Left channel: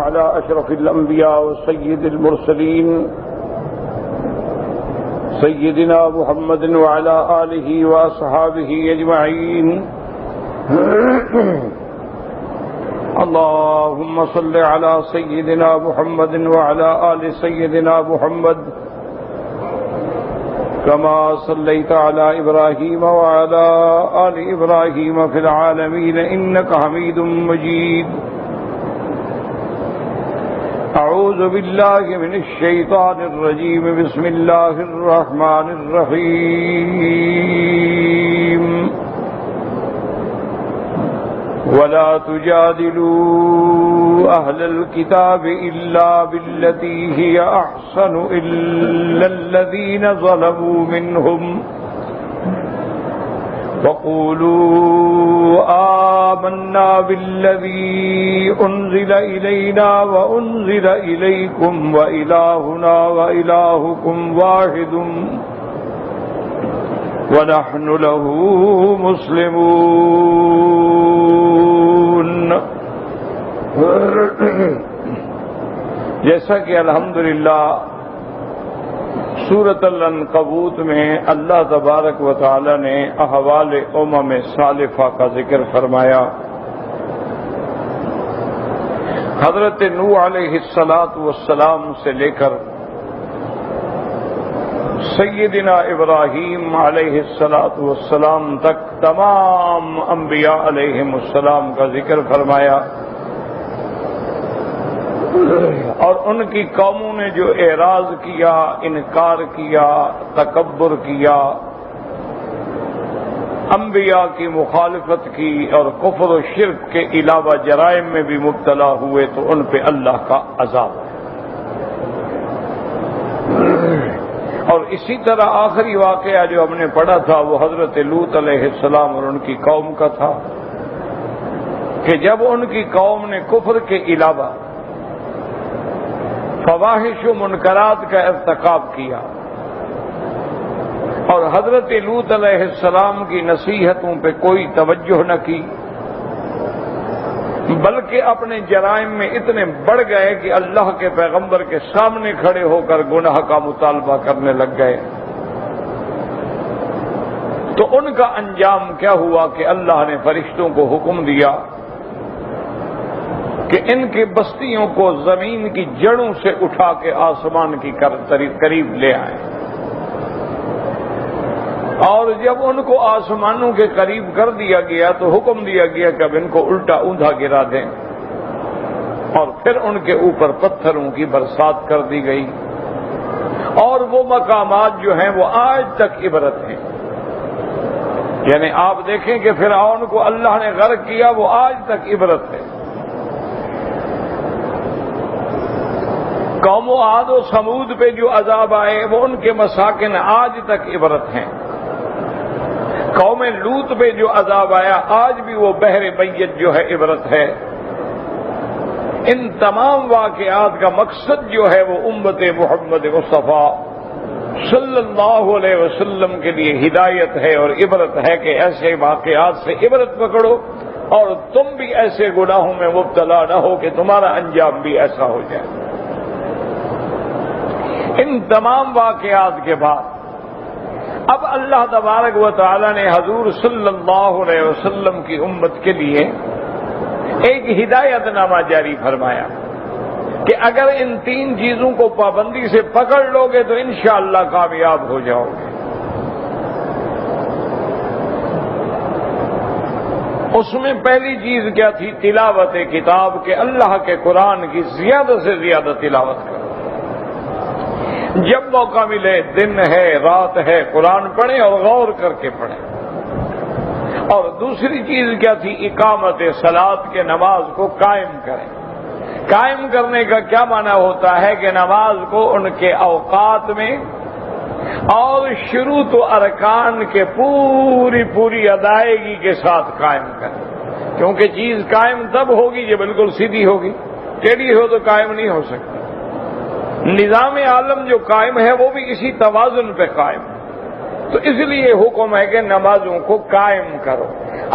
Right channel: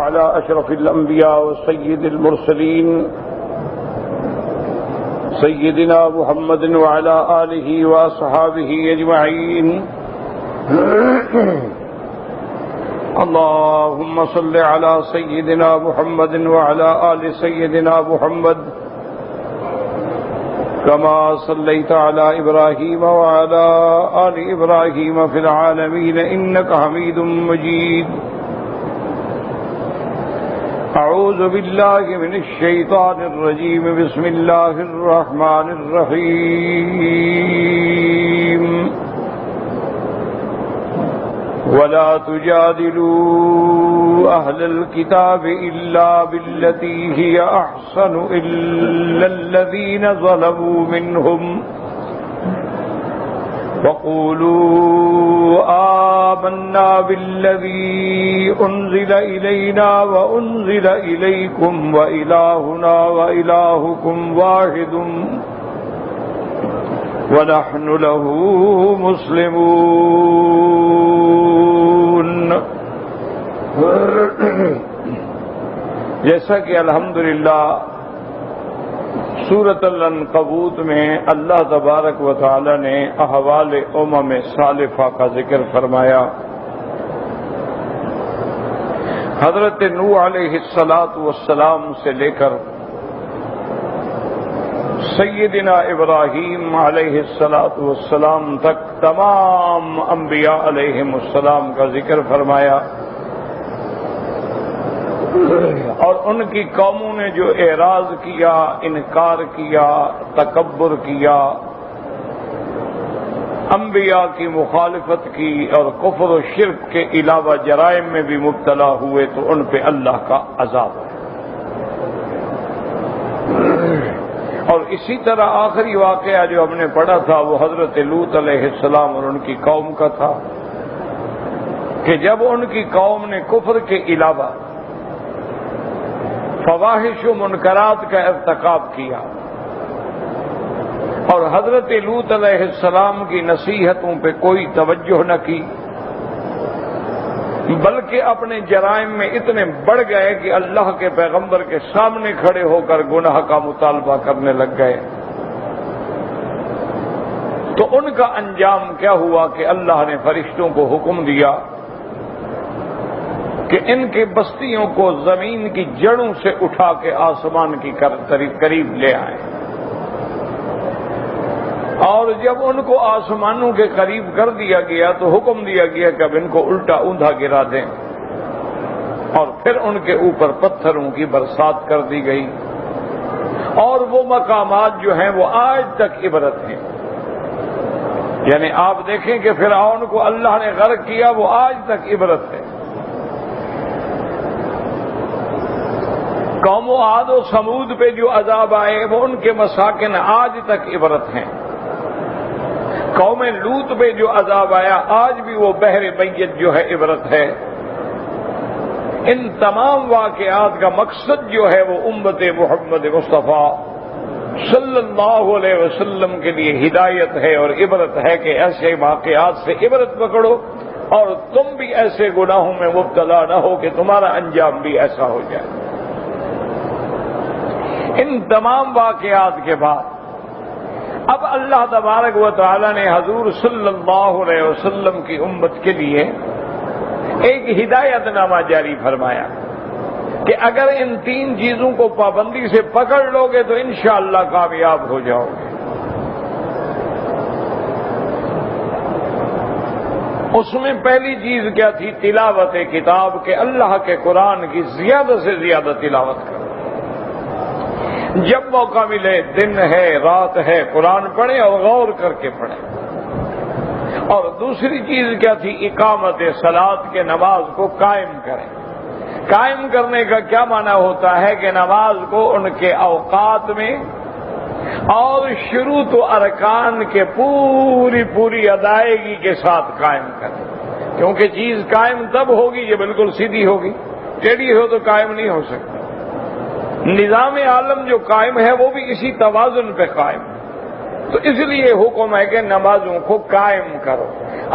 على أشرف الأنبياء وسيد المرسلين سيدنا محمد وعلى آله وأصحابه أجمعين. اللهم صل على سيدنا محمد وعلى آل سيدنا محمد كما صليت على إبراهيم وعلى آل إبراهيم في العالمين إنك حميد مجيد. أعوذ بالله من الشيطان الرجيم. بسم الله الرحمن الرحيم. ولا تجادلوا أهل الكتاب إلا بالتي هي أحسن إلا الذين ظلموا منهم وقولوا آمنا بالذي أنزل إلينا وأنزل إليكم وإلهنا وإلهكم واحد ونحن له مسلمون. جیسا کہ الحمدللہ سورۃ العنکبوت میں اللہ تبارک و تعالی نے احوال امم سالفہ کا ذکر فرمایا. حضرت نوح علیہ السلام سے لے کر سیدنا ابراہیم علیہ السلام تک تمام انبیاء علیہم السلام کا ذکر فرمایا، اور ان کی قوموں نے جو اعراض کیا، انکار کیا، تکبر کیا، انبیاء کی مخالفت کی اور کفر و شرک کے علاوہ جرائم میں بھی مبتلا ہوئے تو ان پہ اللہ کا عذاب ہے. اور اسی طرح آخری واقعہ جو ہم نے پڑھا تھا وہ حضرت لوط علیہ السلام اور ان کی قوم کا تھا کہ جب ان کی قوم نے کفر کے علاوہ فواحش و منکرات کا ارتکاب کیا اور حضرت لوط علیہ السلام کی نصیحتوں پہ کوئی توجہ نہ کی، بلکہ اپنے جرائم میں اتنے بڑھ گئے کہ اللہ کے پیغمبر کے سامنے کھڑے ہو کر گناہ کا مطالبہ کرنے لگ گئے، تو ان کا انجام کیا ہوا کہ اللہ نے فرشتوں کو حکم دیا کہ ان کی بستیوں کو زمین کی جڑوں سے اٹھا کے آسمان کی قریب لے آئیں. اور جب ان کو آسمانوں کے قریب کر دیا گیا تو حکم دیا گیا کہ اب ان کو الٹا اوندھا گرا دیں، اور پھر ان کے اوپر پتھروں کی برسات کر دی گئی. اور وہ مقامات جو ہیں وہ آج تک عبرت ہیں. یعنی آپ دیکھیں کہ فرعون کو اللہ نے غرق کیا، وہ آج تک عبرت ہے. قوم عاد و سمود پہ جو عذاب آئے وہ ان کے مساکن آج تک عبرت ہیں. قوم لوط پہ جو عذاب آیا آج بھی وہ بحر میت جو ہے عبرت ہے. ان تمام واقعات کا مقصد جو ہے وہ امت محمد مصطفیٰ صلی اللہ علیہ وسلم کے لیے ہدایت ہے اور عبرت ہے کہ ایسے واقعات سے عبرت پکڑو اور تم بھی ایسے گناہوں میں مبتلا نہ ہو کہ تمہارا انجام بھی ایسا ہو جائے. ان تمام واقعات کے بعد اب اللہ تبارک و تعالی نے حضور صلی اللہ علیہ وسلم کی امت کے لیے ایک ہدایت نامہ جاری فرمایا کہ اگر ان 3 چیزوں کو پابندی سے پکڑ لو گے تو انشاءاللہ کامیاب ہو جاؤ گے. اس میں پہلی چیز کیا تھی؟ تلاوت کتاب، کہ اللہ کے قرآن کی زیادہ سے زیادہ تلاوت کرو. جب موقع ملے، دن ہے رات ہے، قرآن پڑھیں اور غور کر کے پڑھیں. اور دوسری چیز کیا تھی؟ اقامت صلاۃ، کے نماز کو قائم کریں. قائم کرنے کا کیا معنی ہوتا ہے کہ نماز کو ان کے اوقات میں اور شروط و ارکان کے پوری ادائیگی کے ساتھ قائم کریں. کیونکہ چیز قائم تب ہوگی جو بالکل سیدھی ہوگی، ٹیڑھی ہو تو قائم نہیں ہو سکتی. نظام عالم جو قائم ہے وہ بھی اسی توازن پہ قائم ہے. تو اس لیے حکم ہے کہ نمازوں کو قائم کرو.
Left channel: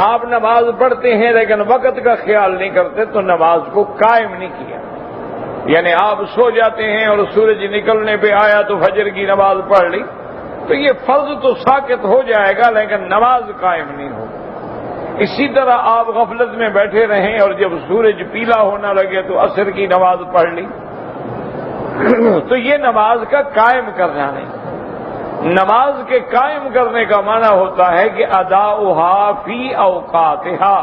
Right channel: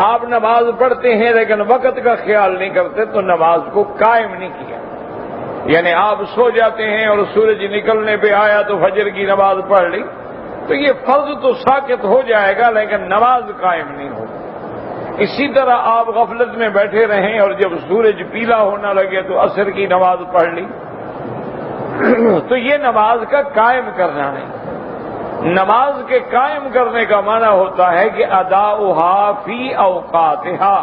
آپ نماز پڑھتے ہیں لیکن وقت کا خیال نہیں کرتے تو نماز کو قائم نہیں کیا. یعنی آپ سو جاتے ہیں اور سورج نکلنے پہ آیا تو فجر کی نماز پڑھ لی، تو یہ فرض تو ساقط ہو جائے گا لیکن نماز قائم نہیں ہوگی۔ اسی طرح آپ غفلت میں بیٹھے رہیں اور جب سورج پیلا ہونا لگے تو عصر کی نماز پڑھ لی، تو یہ نماز کا قائم کرنا نہیں۔ نماز کے قائم کرنے کا معنی ہوتا ہے کہ اداؤہا فی اوقاتہا،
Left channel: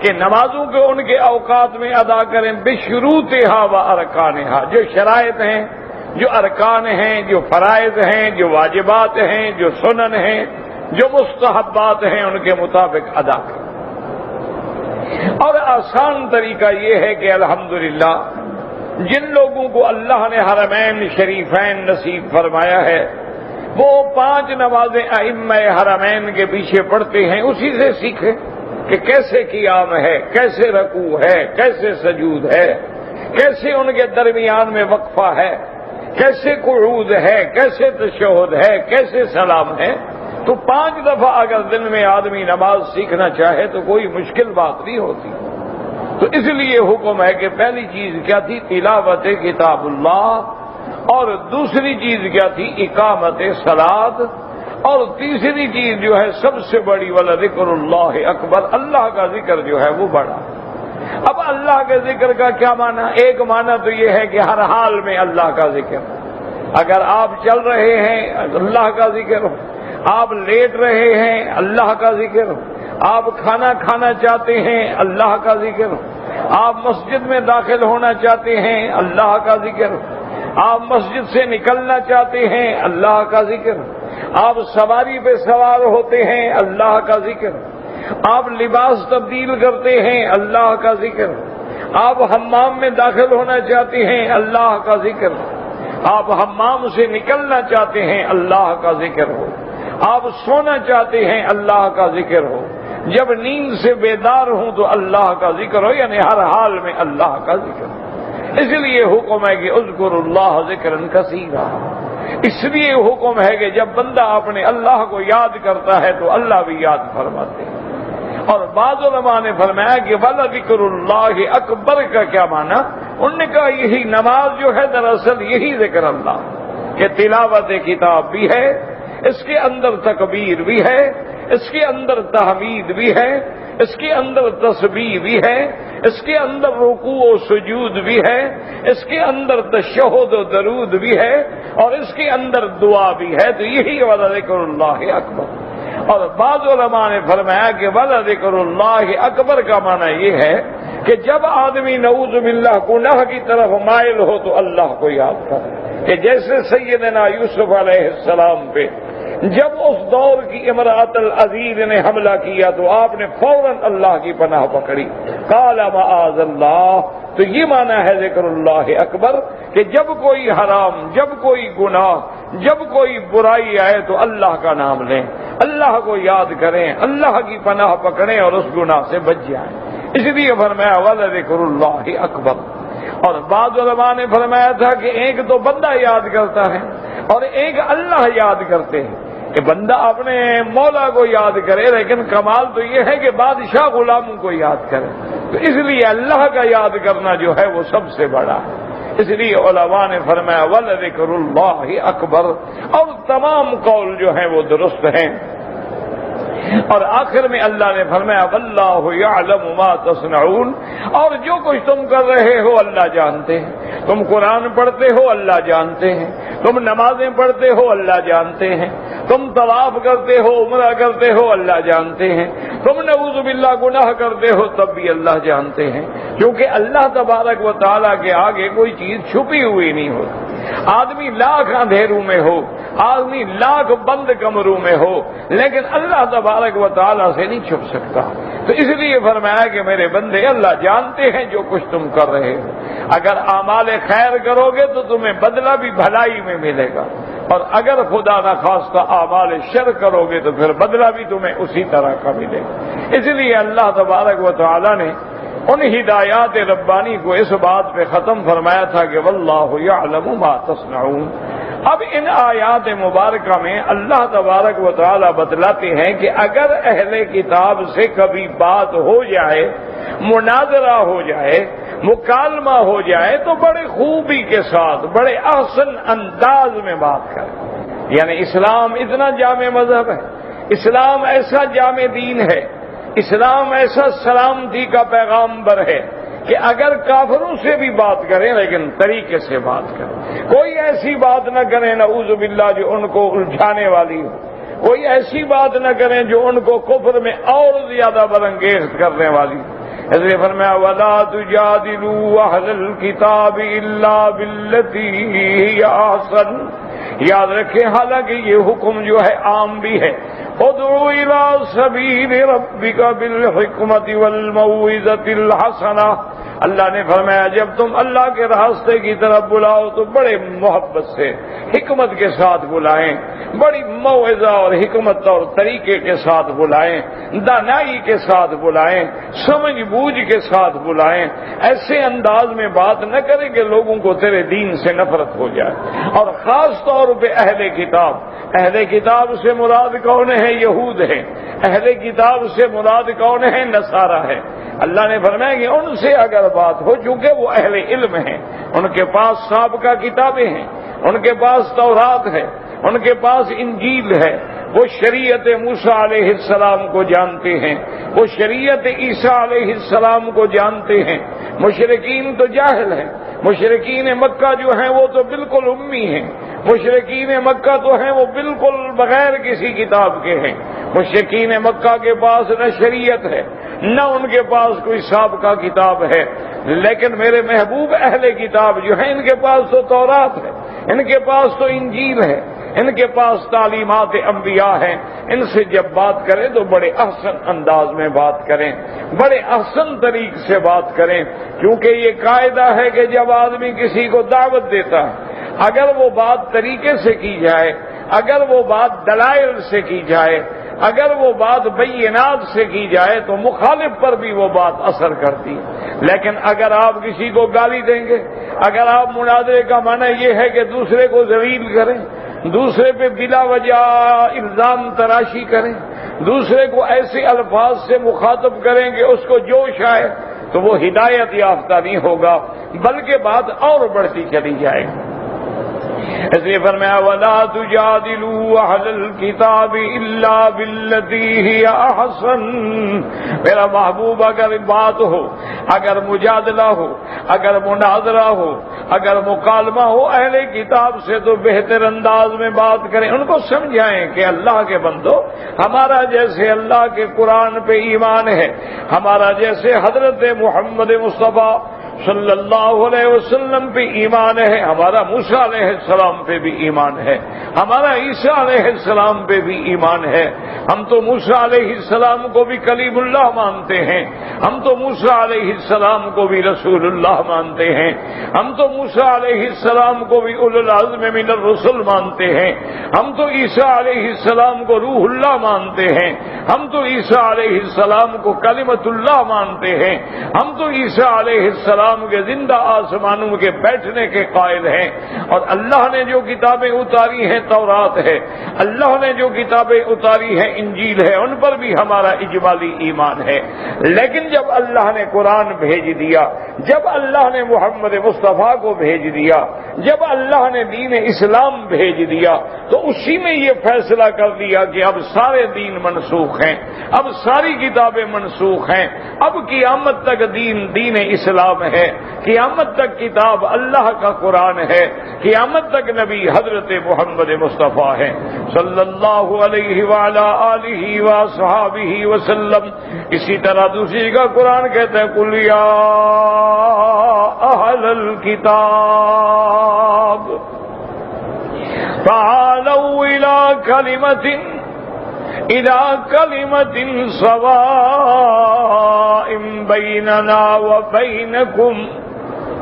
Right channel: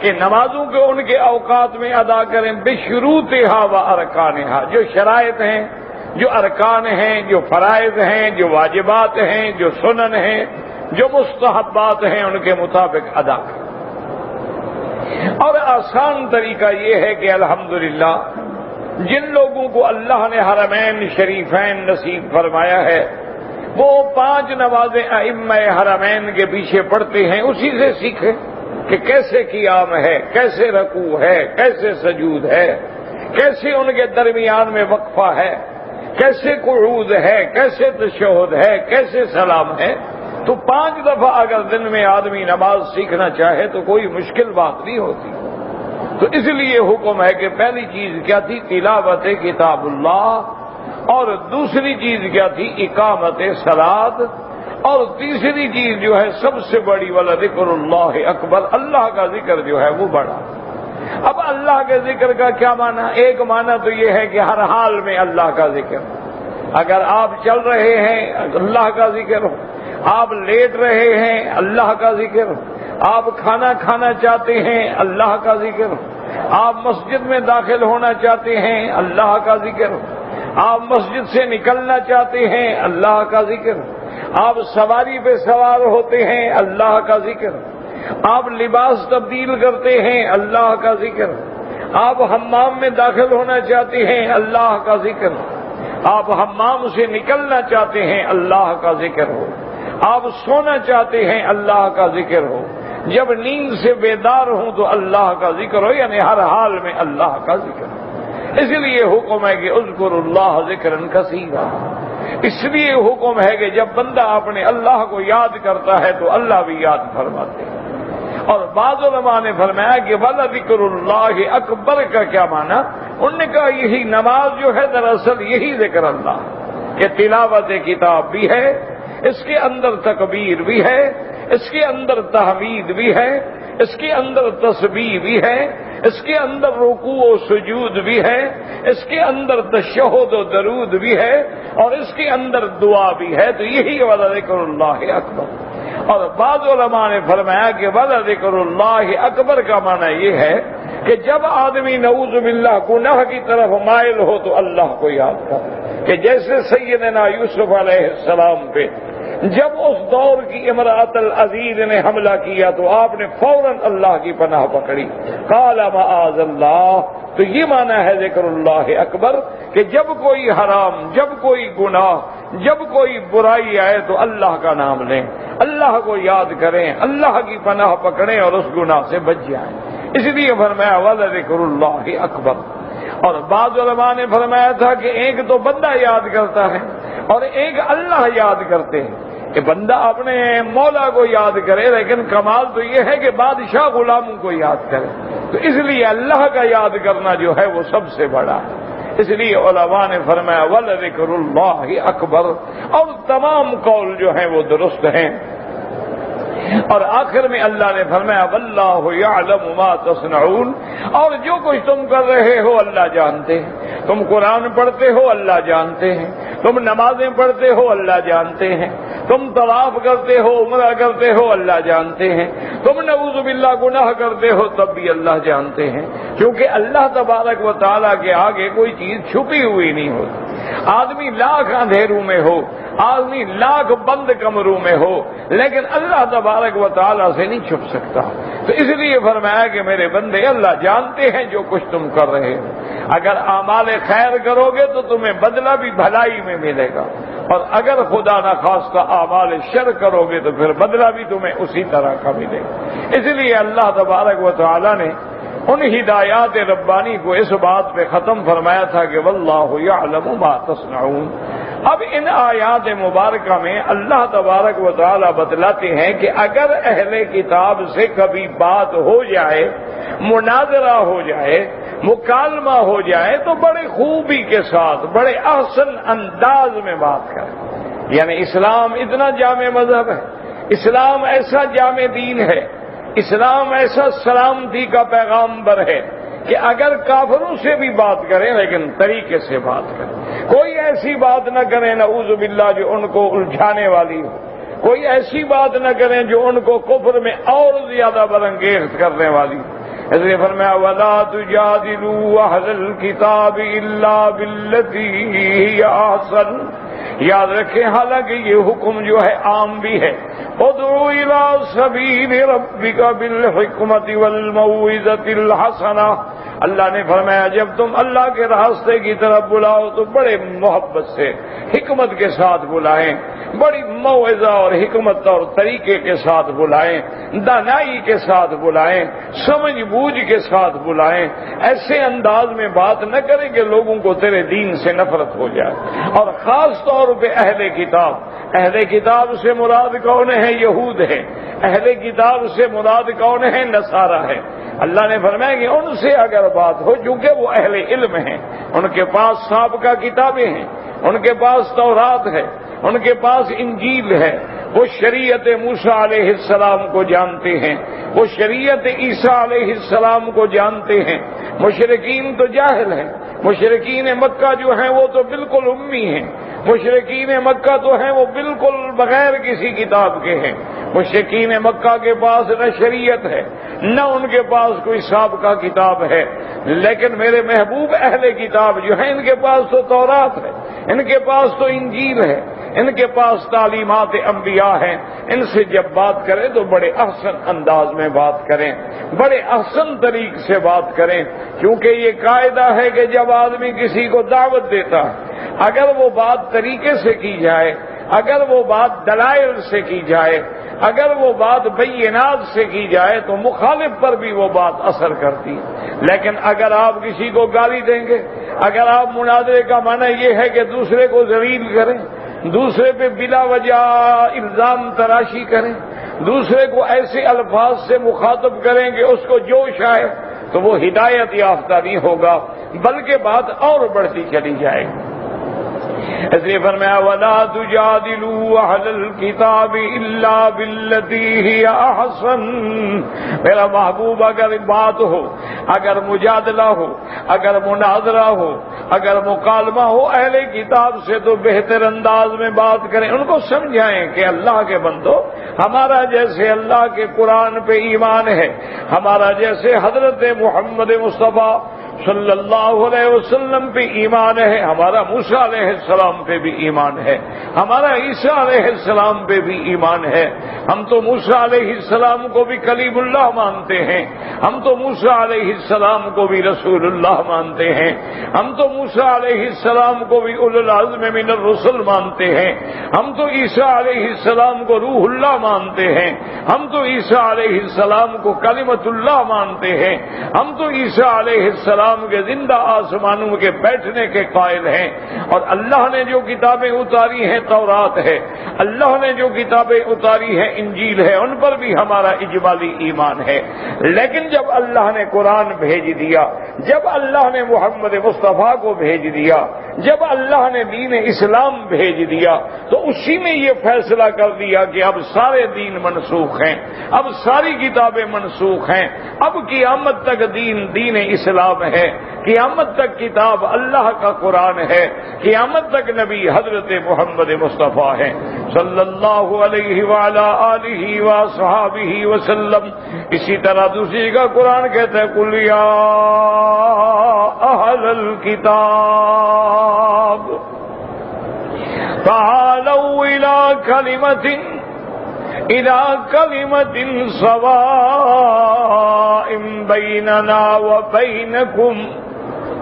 کہ نمازوں کو ان کے اوقات میں ادا کریں، بشروطہا و ارکانہا، جو شرائط ہیں، جو ارکان ہیں، جو فرائض ہیں، جو واجبات ہیں، جو سنن ہیں، جو مستحبات ہیں، ان کے مطابق ادا کریں۔ اور آسان طریقہ یہ ہے کہ الحمدللہ جن لوگوں کو اللہ نے حرمین شریفین نصیب فرمایا ہے وہ 5 نمازیں ائمہ حرمین کے پیچھے پڑھتے ہیں، اسی سے سیکھیں کہ کیسے قیام ہے، کیسے رکوع ہے، کیسے سجود ہے، کیسے ان کے درمیان میں وقفہ ہے، کیسے قعود ہے، کیسے تشہد ہے، کیسے سلام ہے۔ تو 5 دفعہ اگر دن میں آدمی نماز سیکھنا چاہے تو کوئی مشکل بات نہیں ہوتی۔ تو اس لیے حکم ہے کہ پہلی چیز کیا تھی؟ تلاوت کتاب اللہ، اور دوسری چیز کیا تھی؟ اقامت صلاۃ، اور تیسری چیز جو ہے سب سے بڑی والا ذکر اللہ اکبر، اللہ کا ذکر جو ہے وہ بڑا۔ اب اللہ کے ذکر کا کیا معنی؟ ایک معنی تو یہ ہے کہ ہر حال میں اللہ کا ذکر، اگر آپ چل رہے ہیں اللہ کا ذکر ہو، آپ لیٹ رہے ہیں اللہ کا ذکر ہو، آپ کھانا کھانا چاہتے ہیں اللہ کا ذکر ہو، آپ مسجد میں داخل ہونا چاہتے ہیں اللہ کا ذکر ہو، آپ مسجد سے نکلنا چاہتے ہیں اللہ کا ذکر ہو، آپ سواری پہ سوار ہوتے ہیں اللہ کا ذکر ہو، آپ لباس تبدیل کرتے ہیں اللہ کا ذکر ہو، آپ حمام میں داخل ہونا چاہتے ہیں اللہ کا ذکر ہو، آپ حمام سے نکلنا چاہتے ہیں اللہ کا ذکر ہو، آپ سونا چاہتے ہیں اللہ کا ذکر ہو، جب نیند سے بیدار ہوں تو اللہ کا ذکر ہو، یعنی ہر حال میں اللہ کا ذکر ہو۔ اس لیے حکم ہے کہ اذکر اللہ ذکرا کثیرا، اس لیے حکم ہے کہ جب بندہ اپنے اللہ کو یاد کرتا ہے تو اللہ بھی یاد فرماتے ہیں۔ اور بعض علماء نے فرمایا کہ وَلَذِكْرُ اللَّهِ اکبر کا کیا معنی؟ انہوں نے کہا یہی نماز جو ہے دراصل یہی ذکر اللہ، کہ تلاوت کتاب بھی ہے، اس کے اندر تکبیر بھی ہے، اس کے اندر تحمید بھی ہے، اس کے اندر تسبیح بھی ہے، اس کے اندر رکوع و سجود بھی ہے، اس کے اندر تشہد و درود بھی ہے، اور اس کے اندر دعا بھی ہے۔ تو یہی وَلَذِكْرُ اللَّهِ اکبر۔ اور بعض علماء نے فرمایا کہ وَلَذِكْرُ اللَّهِ اکبر کا معنی یہ ہے کہ جب آدمی نعوذ باللہ گناہ کی طرف مائل ہو تو اللہ کو یاد کرے، کہ جیسے سیدنا یوسف علیہ السلام پہ جب اس دور کی امرأۃ العزیز نے حملہ کیا تو آپ نے فوراً اللہ کی پناہ پکڑی، قال معاذ اللہ۔ تو یہ معنی ہے ذکر اللہ اکبر کہ جب کوئی حرام، جب کوئی گناہ، جب کوئی برائی آئے تو اللہ کا نام لیں، اللہ کو یاد کریں، اللہ کی پناہ پکڑیں اور اس گناہ سے بچ جائیں۔ اس لیے فرمایا وَلَذِكْرُ اللَّهِ اکبر۔ اور بعض علماء نے فرمایا تھا کہ ایک تو بندہ یاد کرتا ہے اور ایک اللہ یاد کرتے ہیں، کہ بندہ اپنے مولا کو یاد کرے، لیکن کمال تو یہ ہے کہ بادشاہ غلاموں کو یاد کرے۔ تو اس لیے اللہ کا یاد کرنا جو ہے وہ سب سے بڑا ہے۔ اس لیے علماء نے فرمایا وَلَذِكْرُ اللَّهِ اکبر، اور تمام قول جو ہیں وہ درست ہیں۔ اور آخر میں اللہ نے فرمایا وَاللَّهُ يَعْلَمُ مَا تَصْنَعُونَ، اور جو کچھ تم کر رہے ہو اللہ جانتے ہیں۔ تم قرآن پڑھتے ہو اللہ جانتے ہیں، تم نمازیں پڑھتے ہو اللہ جانتے ہیں، تم طواف کرتے ہو، عمرہ کرتے ہو اللہ جانتے ہیں، تم نعوذ باللہ گناہ کرتے ہو تب بھی اللہ جانتے ہیں، کیونکہ اللہ تبارک و تعالیٰ کے آگے کوئی چیز چھپی ہوئی نہیں ہوتی۔ آدمی لاکھ اندھیروں میں ہو، آدمی لاکھ بند کمروں میں ہو، لیکن اللہ تبارک و تعالیٰ سے نہیں چھپ سکتا۔ تو اس لیے فرمایا کہ میرے بندے اللہ جانتے ہیں جو کچھ تم کر رہے ہو۔ اگر اعمال خیر کرو گے تو تمہیں بدلہ بھی بھلائی میں ملے گا، اور اگر خدا نخواستہ اعمال شر کرو گے تو پھر بدلہ بھی تمہیں اسی طرح کا ملے گا۔ اس لیے اللہ تبارک و تعالیٰ نے ان ہدایات ربانی کو اس بات پہ ختم فرمایا تھا کہ واللہ یعلم ما تصنعون۔ اب ان آیات مبارکہ میں اللہ تبارک و تعالیٰ بتلاتے ہیں کہ اگر اہل کتاب سے کبھی بات ہو جائے، مناظرہ ہو جائے، مکالمہ ہو جائے تو بڑے خوبی کے ساتھ بڑے احسن انداز میں بات کریں. یعنی اسلام اتنا جامع مذہب ہے، اسلام ایسا جامع دین ہے، اسلام ایسا سلامتی کا پیغامبر ہے کہ اگر کافروں سے بھی بات کریں لیکن طریقے سے بات کریں. کوئی ایسی بات نہ کریں نعوذ باللہ جو ان کو الجھانے والی ہو، کوئی ایسی بات نہ کریں جو ان کو کفر میں اور زیادہ برانگیز کرنے والی ہو. اس لیے فرمایا وَلَا تُجَادِلُوا أَهْلَ الْكِتَابِ إِلَّا بِالَّتِي هِيَ أَحْسَنُ. یاد رکھیں حالانکہ یہ حکم جو ہے عام بھی ہے. ادعو إِلَىٰ سَبِيلِ رَبِّكَ بِالْحِکْمَةِ وَالْمَوْعِظَةِ الْحَسَنَةِ. اللہ نے فرمایا جب تم اللہ کے راستے کی طرف بلاؤ تو بڑے محبت سے حکمت کے ساتھ بلائیں، بڑی موعظہ اور حکمت اور طریقے کے ساتھ بلائیں، دانائی کے ساتھ بلائیں، سمجھ بوجھ کے ساتھ بلائیں. ایسے انداز میں بات نہ کریں کہ لوگوں کو تیرے دین سے نفرت ہو جائے. اور خاص طور پہ اہل کتاب، اہل کتاب سے مراد کون ہے؟ یہود ہے. اہل کتاب سے مراد کون ہے؟ نصارہ ہے. اللہ نے فرمایا کہ ان سے اگر بات ہو، چونکہ وہ اہل علم ہیں، ان کے پاس سابقہ کتابیں ہیں، ان کے پاس تورات ہے، ان کے پاس انجیل ہے، وہ شریعت موسیٰ علیہ السلام کو جانتے ہیں، وہ شریعت عیسیٰ علیہ السلام کو جانتے ہیں. مشرکین تو جاہل ہیں. مشرکین مکہ جو ہیں وہ تو بالکل امی ہیں. مشرکین مکہ تو ہیں وہ بالکل بغیر کسی کتاب کے ہیں. مشرکین مکہ کے پاس نہ شریعت ہے، نہ ان کے پاس کوئی سابقہ کتاب ہے. لیکن میرے محبوب اہل کتاب جو ہیں ان کے پاس تو تورات ہے، ان کے پاس تو انجیل ہے، ان کے پاس تعلیمات انبیاء ہیں. ان سے جب بات کریں تو بڑے احسن انداز میں بات کریں، بڑے احسن طریق سے بات کریں. کیونکہ یہ قاعدہ ہے کہ جب آدمی کسی کو دعوت دیتا اگر وہ بات طریقے سے کی جائے، اگر وہ بات دلائل سے کی جائے، اگر وہ بات بینات سے کی جائے تو مخالف پر بھی وہ بات اثر کرتی. لیکن اگر آپ کسی کو گالی دیں گے، اگر آپ مناظرے کا معنی یہ ہے کہ دوسرے کو ذلیل کریں، دوسرے پہ بلا وجہ الزام تراشی کریں، دوسرے کو ایسے الفاظ سے مخاطب کریں کہ اس کو جوش آئے، تو وہ ہدایت یافتہ نہیں ہوگا بلکہ بات اور بڑھتی چلی جائے گی. اس لیے فرمایا وَلَا تُجَادِلُوا أَهْلَ الْكِتَابِ إِلَّا بِالَّتِي هِيَ أَحْسَنُ. میرا محبوب اگر بات ہو، اگر مجادلہ ہو، اگر مناظرہ ہو، اگر مکالمہ ہو اہل کتاب سے تو بہتر انداز میں بات کریں. ان کو سمجھائیں کہ اللہ کے بندو، ہمارا جیسے اللہ کے قرآن پہ ایمان ہے، ہمارا جیسے حضرت محمد مصطفیٰ صلی اللہ علیہ وسلم پہ ایمان ہے، ہمارا موسیٰ علیہ السلام پہ بھی ایمان ہے، ہمارا عیسیٰ علیہ السلام پہ بھی ایمان ہے. ہم تو موسیٰ علیہ السلام کو بھی کلیم اللہ مانتے ہیں، ہم تو موسیٰ علیہ السلام کو بھی رسول اللہ مانتے ہیں، ہم تو موسیٰ علیہ السلام کو بھی اولو العزم من الرسل مانتے ہیں، ہم تو عیسیٰ علیہ السلام کو روح اللہ مانتے ہیں، ہم تو عیسیٰ علیہ السلام کو کلمۃ اللہ مانتے ہیں، ہم تو عیسیٰ علیہ السلام کے زندہ آسمانوں کے بیٹھنے کے قائل ہیں. اور اللہ نے جو کتابیں اتاری ہیں تورات ہے، اللہ نے جو کتابیں اتاری ہیں انجیل ہے، ان پر بھی ہمارا اجمالی ایمان ہے. لیکن جب اللہ نے قرآن بھیج دیا، جب اللہ نے محمد مصطفیٰ کو بھیج دیا، جب اللہ نے دین اسلام بھیج دیا تو اسی میں یہ فیصلہ کر دیا کہ اب سارے دین منسوخ ہیں، اب ساری کتابیں منسوخ ہیں، اب قیامت تک دین اسلام ہے، قیامت تک کتاب اللہ کا قرآن ہے، قیامت تک نبی حضرت محمد مصطفیٰ ہے صلی اللہ علیہ وعلا آلہ وصحابہ وسلم. اسی طرح دوسری کا قرآن کہتا ہے قل یا اہل الکتاب تعالوا الى كلمة سواء بيننا وبينكم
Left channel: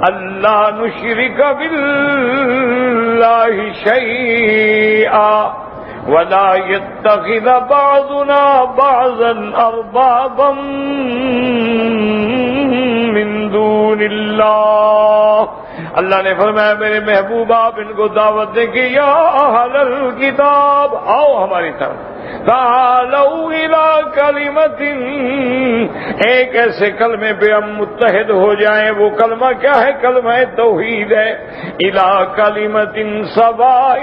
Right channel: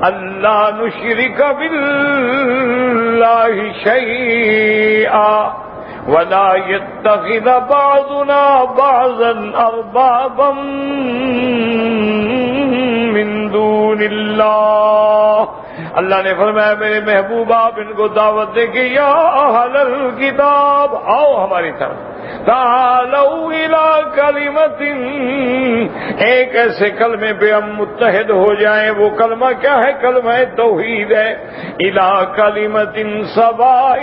ألا نشرك بالله شيئا ولا يتخذ بعضنا بعضا أربابا من دون الله. اللہ نے فرمایا میرے محبوب آپ ان کو دعوت دے کہ یا اہل الکتاب، آؤ ہماری طرف، تعالوا الی کلمۃ، ایک ایسے کلمے پہ ہم متحد ہو جائیں. وہ کلمہ کیا ہے؟ کلمہ توحید ہے. الی کلمۃ سواء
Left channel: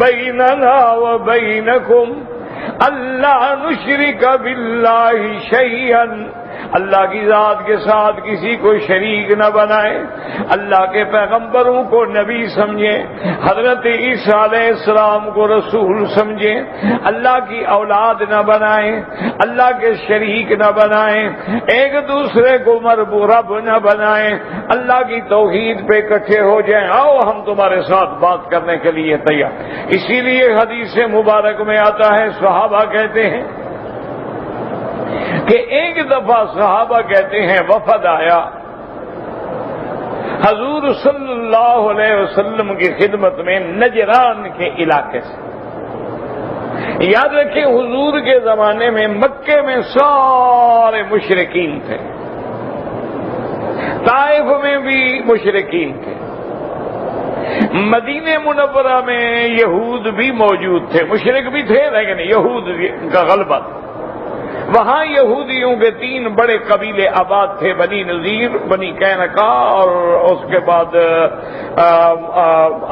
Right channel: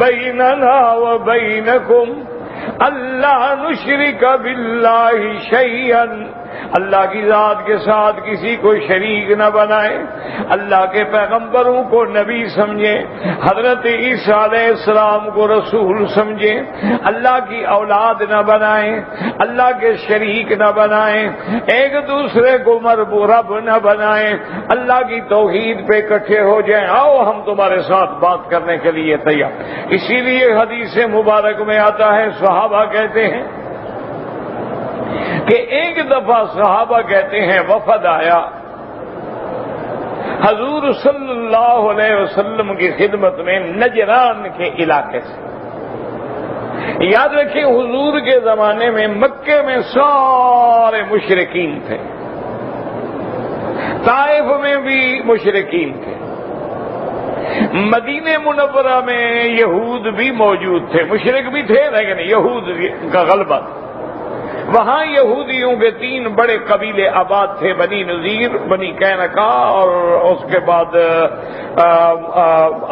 بیننا و بینکم اللہ نشرک باللہ شیئا، اللہ کی ذات کے ساتھ کسی کو شریک نہ بنائے، اللہ کے پیغمبروں کو نبی سمجھے، حضرت عیسیٰ علیہ السلام کو رسول سمجھے، اللہ کی اولاد نہ بنائیں، اللہ کے شریک نہ بنائیں، ایک دوسرے کو رب نہ بنائیں، اللہ کی توحید پہ اکٹھے ہو جائیں. آؤ ہم تمہارے ساتھ بات کرنے کے لیے تیار. اسی لیے حدیث مبارک میں آتا ہے، صحابہ کہتے ہیں کہ ایک دفعہ صحابہ کہتے ہیں وفد آیا حضور صلی اللہ علیہ وسلم کی خدمت میں نجران کے علاقے سے. یاد رکھیں حضور کے زمانے میں مکے میں سارے مشرکین تھے، طائف میں بھی مشرکین تھے، مدینہ منورہ میں یہود بھی موجود تھے، مشرک بھی تھے لیکن یہود کا غلبہ. وہاں یہودیوں کے 3 بڑے قبیلے آباد تھے، بنی نذیر، بنی قینقاع اور اس کے بعد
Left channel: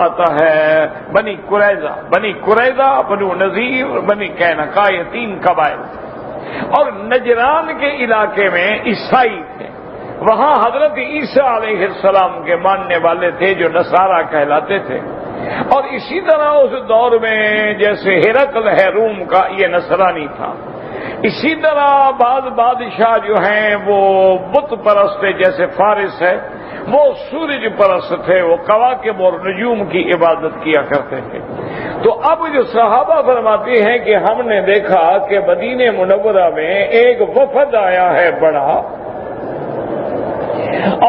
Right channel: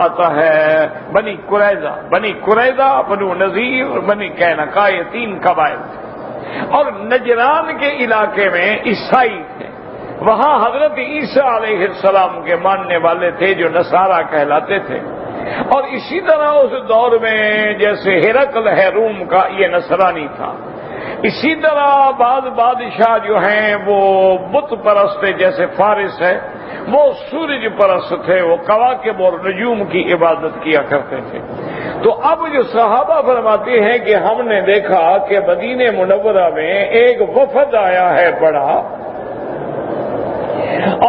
آتا ہے بنی قریظہ. بنی قریظہ، بنو نذیر، بنی قینقاع، یہ 3 قبائل تھے. اور نجران کے علاقے میں عیسائی تھے، وہاں حضرت عیسیٰ علیہ السلام کے ماننے والے تھے جو نصارہ کہلاتے تھے. اور اسی طرح اس دور میں جیسے ہرقل ہے روم کا، یہ نصرانی تھا. اسی طرح بعض بادشاہ جو ہیں وہ بت پرست تھے، جیسے فارس ہے وہ سورج پرست تھے، وہ کواکب اور نجوم کی عبادت کیا کرتے تھے. تو اب جو صحابہ فرماتے ہیں کہ ہم نے دیکھا کہ مدینہ منورہ میں ایک وفد آیا ہے بڑا،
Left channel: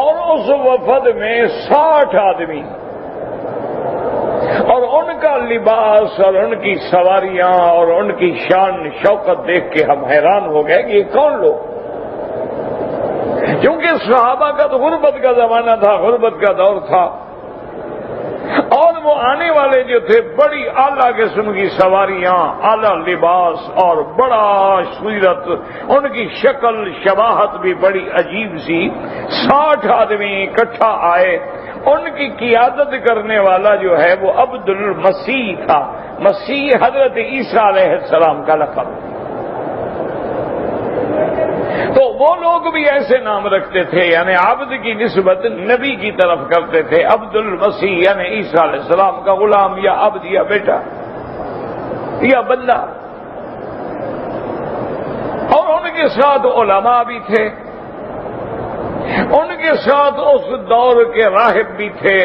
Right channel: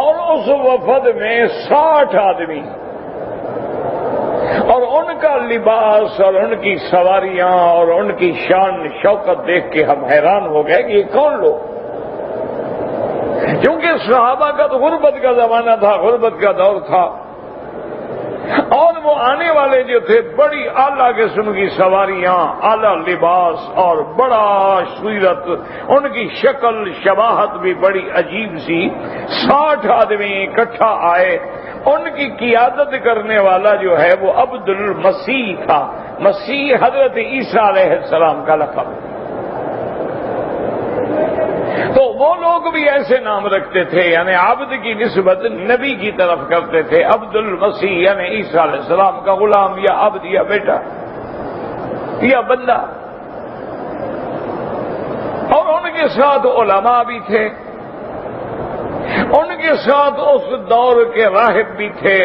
اور اس وفد میں 60 آدمی، اور ان کا لباس اور ان کی سواریاں اور ان کی شان شوکت دیکھ کے ہم حیران ہو گئے کہ یہ کون لوگ. کیونکہ صحابہ کا تو غربت کا زمانہ تھا، غربت کا دور تھا، اور وہ آنے والے جو تھے بڑی اعلیٰ قسم کی سواریاں، اعلیٰ لباس اور بڑا صورت، ان کی شکل شباہت بھی بڑی عجیب سی. 60 آدمی اکٹھا آئے. ان کی قیادت کرنے والا جو ہے وہ عبد المسیح تھا. مسیح حضرت عیسیٰ علیہ السلام کا لقب. تو وہ لوگ بھی ایسے نام رکھتے تھے، یعنی عبد کی نسبت نبی کی طرف کرتے تھے. عبد المسیح یعنی عیسیٰ علیہ السلام کا غلام یا عبد یا بیٹا یا بندہ. اور ان کے ساتھ علماء بھی تھے، ان کے ساتھ اس دور کے راہب بھی تھے،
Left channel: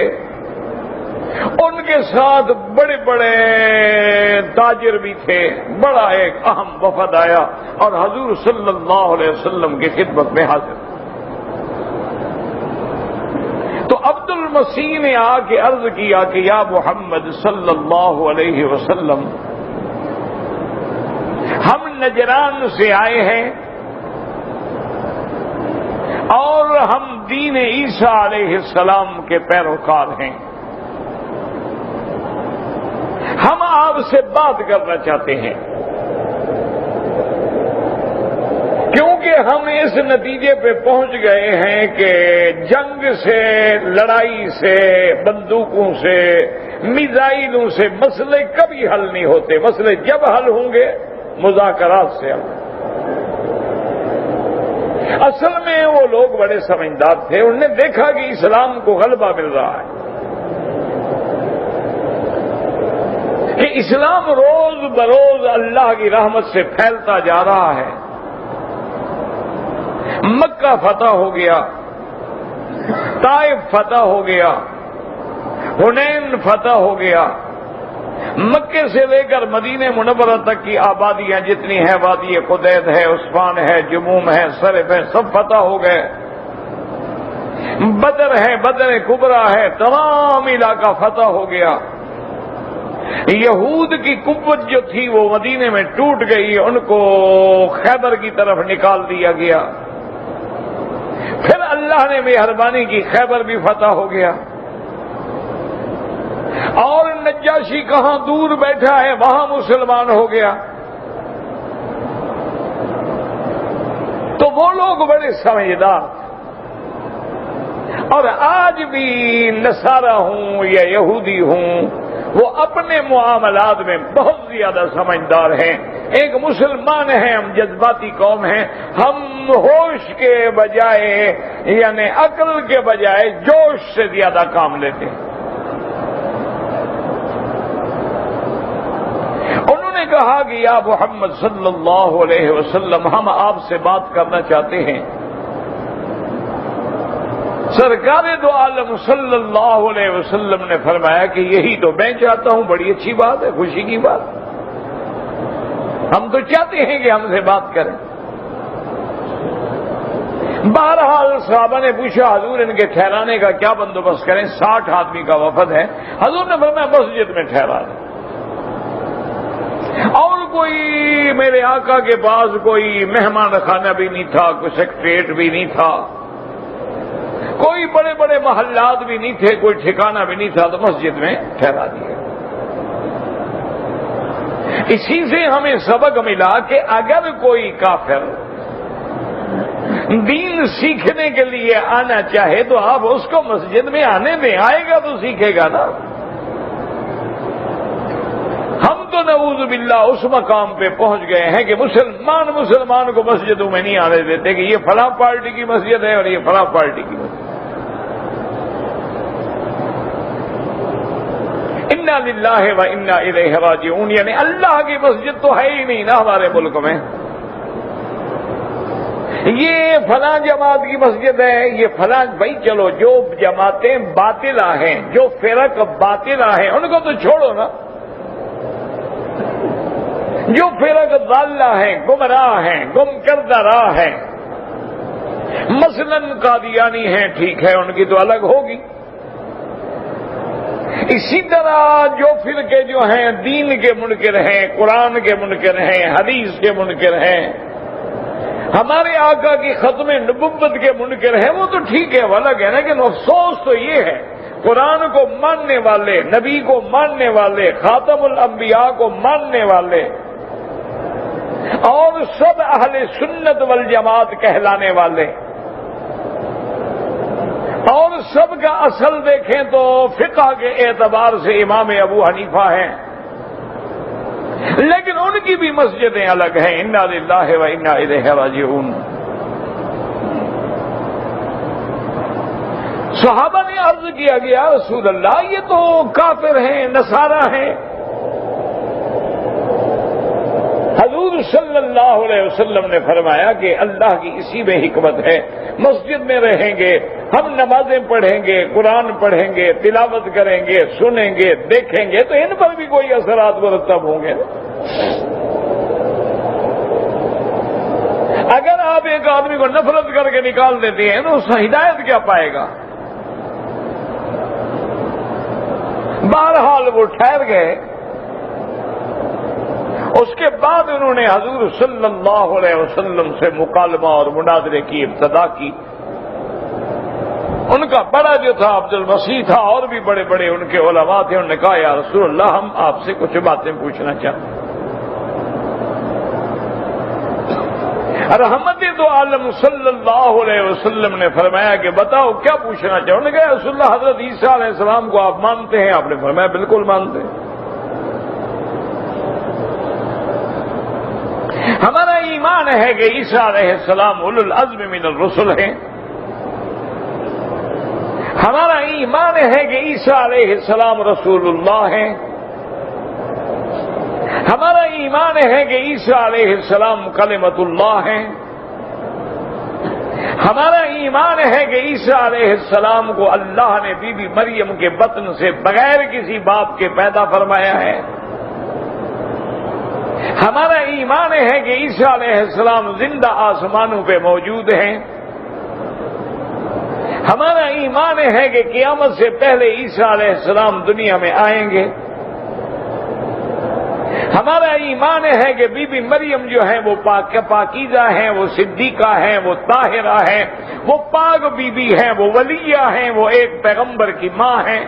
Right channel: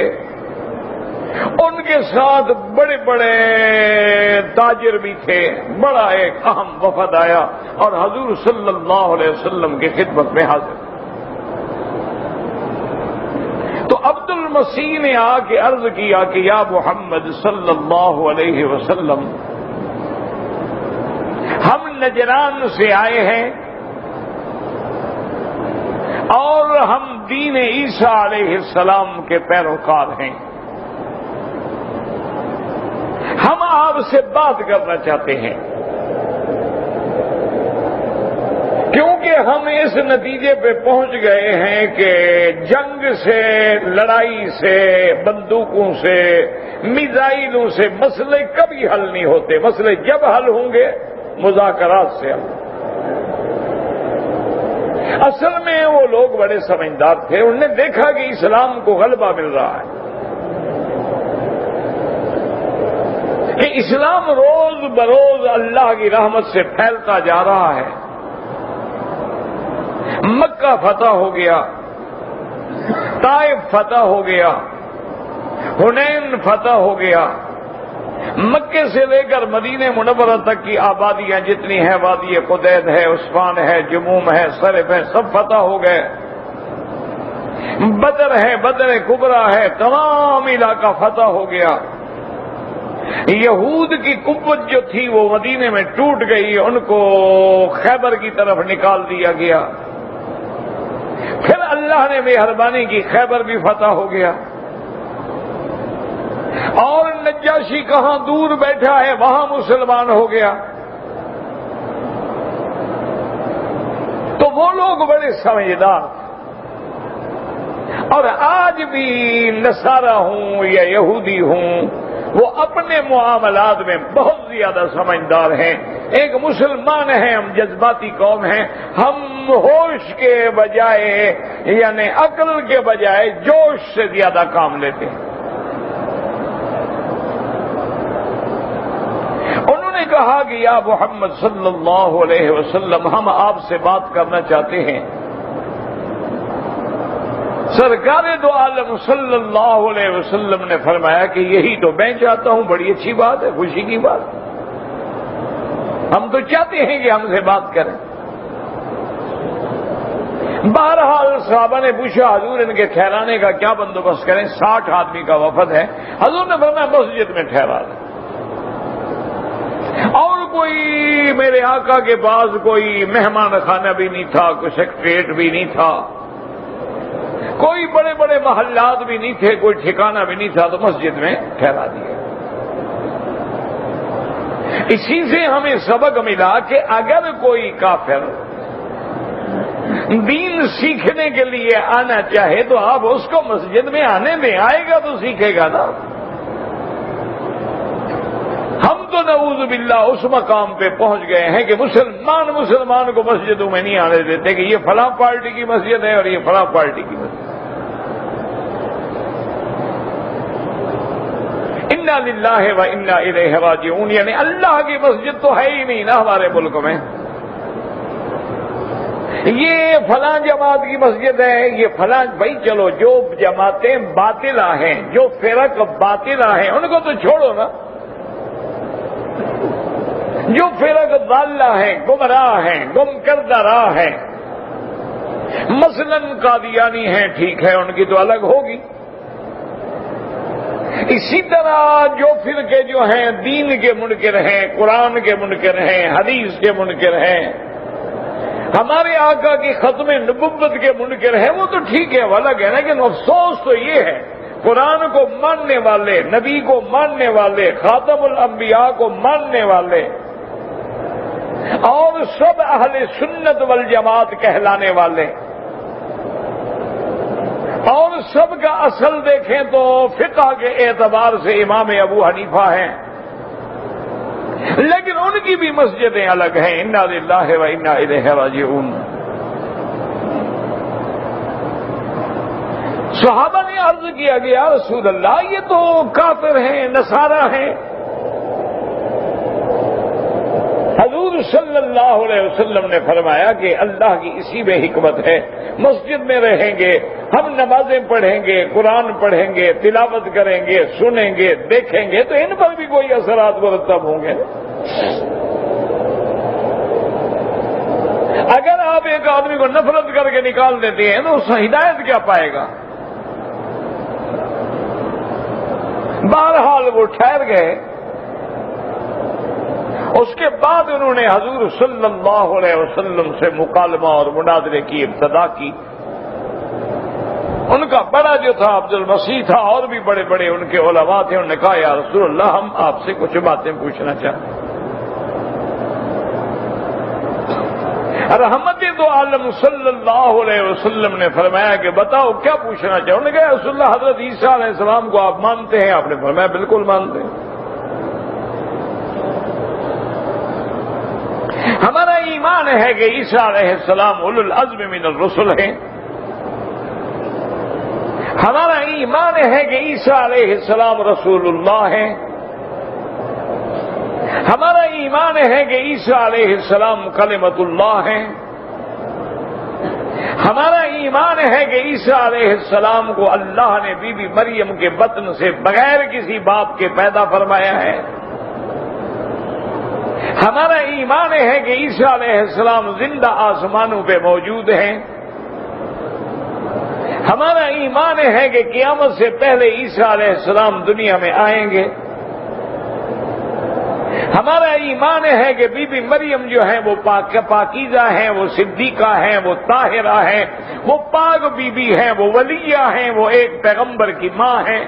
ان کے ساتھ بڑے بڑے تاجر بھی تھے. بڑا ایک اہم وفد آیا اور حضور صلی اللہ علیہ وسلم کی خدمت میں حاضر. تو عبد المسیح نے آ کے عرض کیا کہ یا محمد صلی اللہ علیہ وسلم، ہم نجران سے آئے ہیں اور ہم دین عیسیٰ علیہ السلام کے پیروکار ہیں. ہم آپ سے بات کرنا چاہتے ہیں کیونکہ ہم اس نتیجے پہ پہنچ گئے ہیں کہ جنگ سے، لڑائی سے، بندوقوں سے، میزائلوں سے مسئلے کبھی حل نہیں ہوتے. مسئلے جب حل ہوں گے مذاکرات سے حل. اصل میں وہ لوگ بڑے سمجھدار تھے، انہوں نے دیکھا کہ اسلام کو غلبہ مل رہا ہے، کہ اسلام روز بروز اللہ کی رحمت سے پھیلتا جا رہا ہے. مکہ فتح ہو گیا، طائف فتح ہو گیا، حنین فتح ہو گیا. مکے سے لے کر مدینہ منورہ تک کی آبادیاں جتنی ہیں، وادی قدید ہے، عثمان ہے، جموم ہے، سرف ہے، سب فتح ہو گئے. بدر ہے، بدر کبریٰ ہے، تمام علاقہ فتح ہو گیا. یہود کی قوت جو تھی وہ مدینے میں ٹوٹ گئی، ان کو خیبر کی طرف نکال دیا گیا. پھر اللہ نے مہربانی کی، خیبر بھی فتح ہو گیا. اور نجاشی کہاں دور بیٹھا ہے وہاں مسلمان ہو گیا. تو وہ لوگ بڑے سمجھدار. اور آج بھی نصارہ ہوں یا یہودی ہوں وہ اپنے معاملات میں بہت زیادہ سمجھدار ہیں. ایک مسلمان ہیں، ہم جذباتی قوم ہیں، ہم ہوش کے بجائے یعنی عقل کے بجائے جوش سے زیادہ کام لیتے ہیں. انہوں نے کہا کہ یا محمد صلی اللہ علیہ وسلم ہم آپ سے بات کرنا چاہتے ہیں. سرکار دو عالم صلی اللہ علیہ وسلم نے فرمایا کہ یہی تو میں چاہتا ہوں، بڑی اچھی بات ہے، خوشی کی بات. ہم تو چاہتے ہیں کہ ہم سے بات کریں. بہرحال صحابہ نے پوچھا حضور ان کے ٹھہرانے کا کیا بندوبست کریں؟ 60 آدمی کا وفد ہے. حضور نے فرمایا مسجد میں ٹھہرا دیں. اور کوئی میرے آقا کے پاس کوئی مہمان خانہ بھی نہیں تھا، کوئی سیکریٹریٹ بھی نہیں تھا، کوئی بڑے بڑے محلات بھی نہیں تھے، کوئی ٹھکانہ بھی نہیں تھا، تو مسجد میں ٹھہرا دیا. اسی سے ہمیں سبق ملا کہ اگر کوئی کافر دین سیکھنے کے لیے آنا چاہے تو آپ اس کو مسجد میں آنے دیں، آئے گا تو سیکھے گا نا. ہم تو نعوذ باللہ اس مقام پہ پہنچ گئے ہیں کہ مسلمان کو مسجدوں میں نہیں آنے دیتے کہ یہ فلاں پارٹی کی مسجد ہے اور یہ فلاں پارٹی کی مسجد. انا للہ و انا الیہ راجعون، یعنی اللہ کی مسجد تو ہے ہی نہیں نا ہمارے ملک میں. یہ فلاں جماعت کی مسجد ہے، یہ فلاں. بھائی چلو جو جماعتیں باطلہ ہیں، جو فرق باطلہ ہیں ان کو تو چھوڑو نا. جو فرق ضالہ ہیں، گمراہ ہیں، گم کردہ راہ ہیں، مثلاً قادیانی ہیں، ٹھیک ہے ان کی تو الگ ہوگی. اسی طرح جو فرقے جو ہیں دین کے منکر ہیں، قرآن کے منکر ہیں، حدیث کے منکر ہیں، ہمارے آقا کی ختم نبوت کے منکر ہیں، وہ تو ٹھیک ہے وہ الگ ہے. لیکن افسوس تو یہ ہے قرآن کو ماننے والے، نبی کو ماننے والے، خاتم الانبیاء کو ماننے والے اور سب اہل سنت والجماعت کہلانے والے اور سب کا اصل دیکھیں تو فقہ کے اعتبار سے امام ابو حنیفہ ہیں، لیکن ان کی بھی مسجدیں الگ ہیں. انا للہ و انا الیہ راجعون. صحابہ نے عرض کیا کہ یا رسول اللہ یہ تو کافر ہیں، نصارہ ہیں. حضور صلی اللہ علیہ وسلم نے فرمایا کہ اللہ کی اسی میں حکمت ہے. مسجد میں رہیں گے، ہم نمازیں پڑھیں گے، قرآن پڑھیں گے، تلاوت کریں گے، سنیں گے، دیکھیں گے تو ان پر بھی کوئی اثرات مرتب ہوں گے. اگر آپ ایک آدمی کو نفرت کر کے نکال دیتے ہیں تو اس سے ہدایت کیا پائے گا؟ بہرحال وہ ٹھہر گئے. اس کے بعد انہوں نے حضور صلی اللہ علیہ وسلم سے مکالمہ اور مناظرے کی ابتدا کی. ان کا بڑا جو تھا عبد المسیح تھا، اور بھی بڑے بڑے ان کے علماء تھے. انہوں نے کہا یا رسول اللہ ہم آپ سے کچھ باتیں پوچھنا چاہتے ہیں. رحمت دو عالم صلی اللہ علیہ وسلم نے فرمایا کہ بتاؤ کیا پوچھنا چاہو. انہوں نے کہا رسول اللہ حضرت عیسیٰ علیہ السلام کو آپ مانتے ہیں؟ آپ نے فرمایا بالکل مانتے ہیں. ہمارا ایمان ہے کہ عیسیٰ علیہ السلام اولو العزم من الرسل ہیں. ہمارا ایمان ہے کہ عیسیٰ علیہ السلام رسول اللہ ہیں. ہمارا ایمان ہے کہ عیسیٰ علیہ السلام کلمۃ اللہ ہیں. ہمارا ایمان ہے کہ عیسیٰ علیہ السلام کو اللہ نے بی بی مریم کے بطن سے بغیر کسی باپ کے پیدا فرمایا ہے. ہمارا ایمان ہے کہ عیسیٰ علیہ السلام زندہ آسمانوں پہ موجود ہیں. ہمارا ایمان ہے کہ قیامت سے پہلے عیسیٰ علیہ السلام دنیا میں آئیں گے. ہمارا ایمان ہے کہ بی بی مریم جو ہیں وہ پاکیزہ ہیں، وہ صدیقہ ہیں، وہ طاہرہ ہیں، وہ پاک بی بی ہیں، وہ ولیہ ہیں، وہ ایک پیغمبر کی ماں ہیں.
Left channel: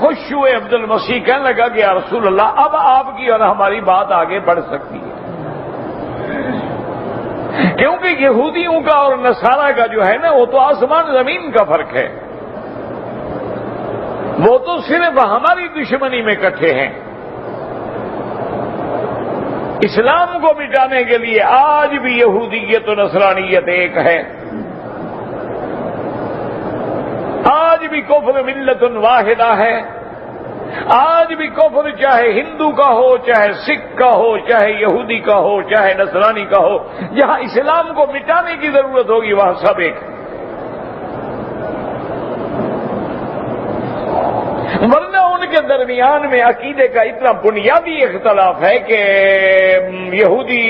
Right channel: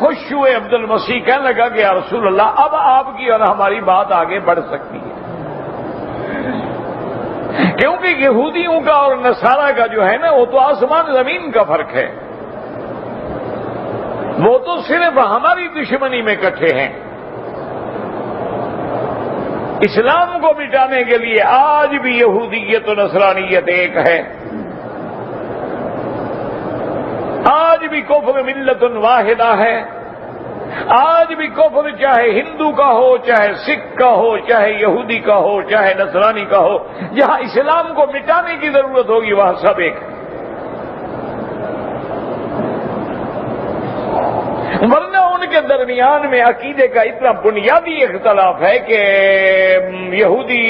خوش ہوئے عبد المسیح، کہنے لگا کہ یا رسول اللہ اب آپ کی اور ہماری بات آگے بڑھ سکتی ہے، کیونکہ یہودیوں کا اور نصارہ کا جو ہے نا وہ تو آسمان زمین کا فرق ہے، وہ تو صرف ہماری دشمنی میں اکٹھے ہیں۔ اسلام کو مٹانے کے لیے آج بھی یہودیت و نصرانیت ایک ہے، آج بھی کفر ملت واحدہ ہے، آج بھی کفر چاہے ہندو کا ہو، چاہے سکھ کا ہو، چاہے یہودی کا ہو، چاہے نصرانی کا ہو، جہاں اسلام کو مٹانے کی ضرورت ہوگی وہاں سب ایک ہے۔ ورنہ ان کے درمیان میں عقیدے کا اتنا بنیادی اختلاف ہے کہ یہودی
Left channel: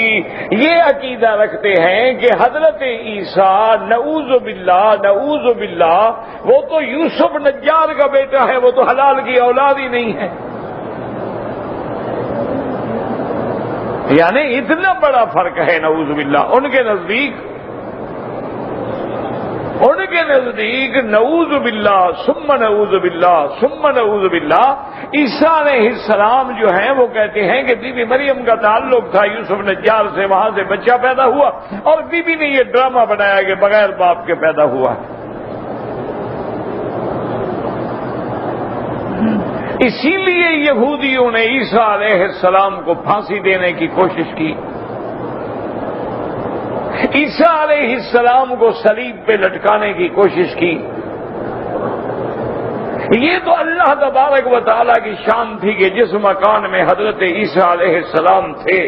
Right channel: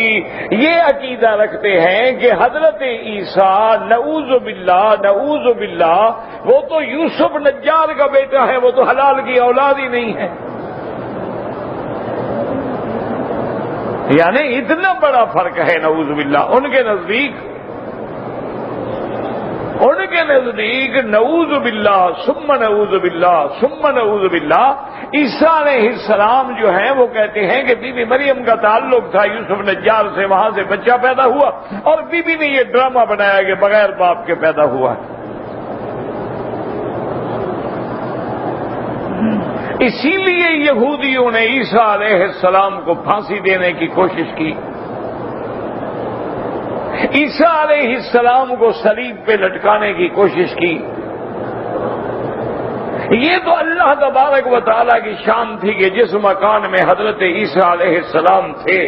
یہ عقیدہ رکھتے ہیں کہ حضرت عیسیٰ نعوذ باللہ وہ تو یوسف نجار کا بیٹا ہے، وہ تو حلال کی اولاد ہی نہیں ہے۔ یعنی اتنا بڑا فرق ہے نعوذ باللہ ان کے نزدیک نعوذ باللہ ثم نعوذ باللہ عیسیٰ علیہ السلام جو ہیں وہ کہتے ہیں کہ بی بی مریم کا تعلق تھا یوسف نجار سے، وہاں سے بچہ پیدا ہوا، اور بی بی نے یہ ڈرامہ بنایا کہ بغیر باپ کے پیدا ہوا۔ اسی لیے یہودیوں نے عیسیٰ علیہ السلام کو پھانسی دینے کی کوشش کی، عیسیٰ علیہ السلام کو صلیب پہ لٹکانے کی کوشش کی۔ یہ تو اللہ تبارک و تعالیٰ کی شان تھی کہ جس مکان میں حضرت عیسیٰ علیہ السلام تھے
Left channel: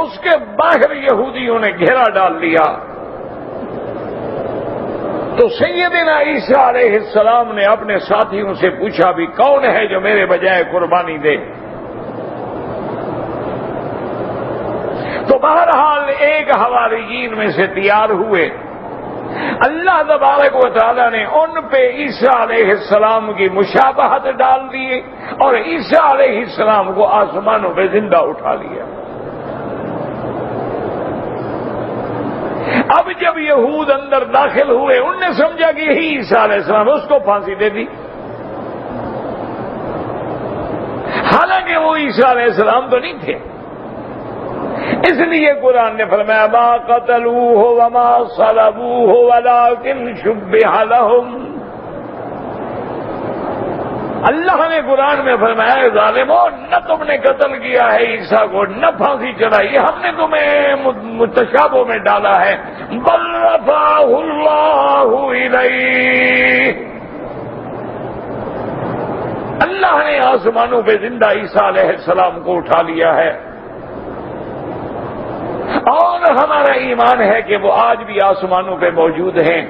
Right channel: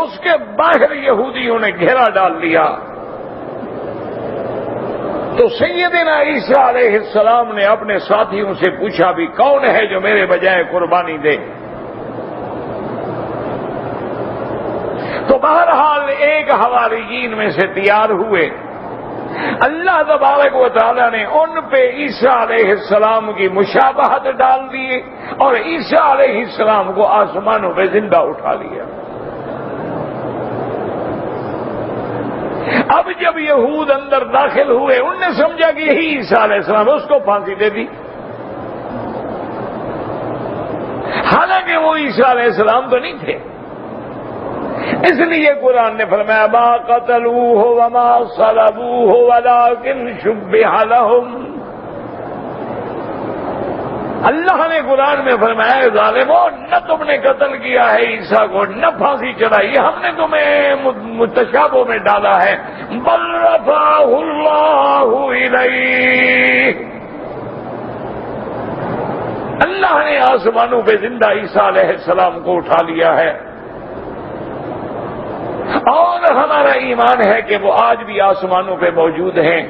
اس کے باہر یہودیوں نے گھیرا ڈال دیا، تو سیدنا عیسیٰ علیہ السلام نے اپنے ساتھیوں سے پوچھا بھی کون ہے جو میرے بجائے قربانی دے؟ تو بہرحال ایک حواریین میں سے تیار ہوئے، اللہ تبارک و تعالیٰ نے ان پہ عیسیٰ علیہ السلام کی مشابہت ڈال دی اور عیسیٰ علیہ السلام کو آسمانوں پہ زندہ اٹھا لیا۔ اب جب یہود اندر داخل ہوئے انہوں نے سمجھا کہ یہی عیسیٰ علیہ السلام، اس کو پھانسی دے دی، حالانکہ وہ عیسیٰ علیہ السلام تو نہیں تھے۔ اس لیے قرآن نے فرمایا ما قتلوہ وما صلبوہ ولکن شبہ لہم، اللہ نے قرآن میں فرمایا ظالموں نہ تم نے قتل کیا ہے عیسیٰ کو، نہ پھانسی چڑھائی، ہم نے تمہیں متشابہ میں ڈالا ہے، بل رفعہ اللہ الیہ، اللہ نے آسمانوں پہ زندہ عیسیٰ علیہ السلام کو اٹھا لیا ہے۔ اور ہمارا ایمان ہے کہ وہ آج بھی آسمانوں پہ موجود ہیں۔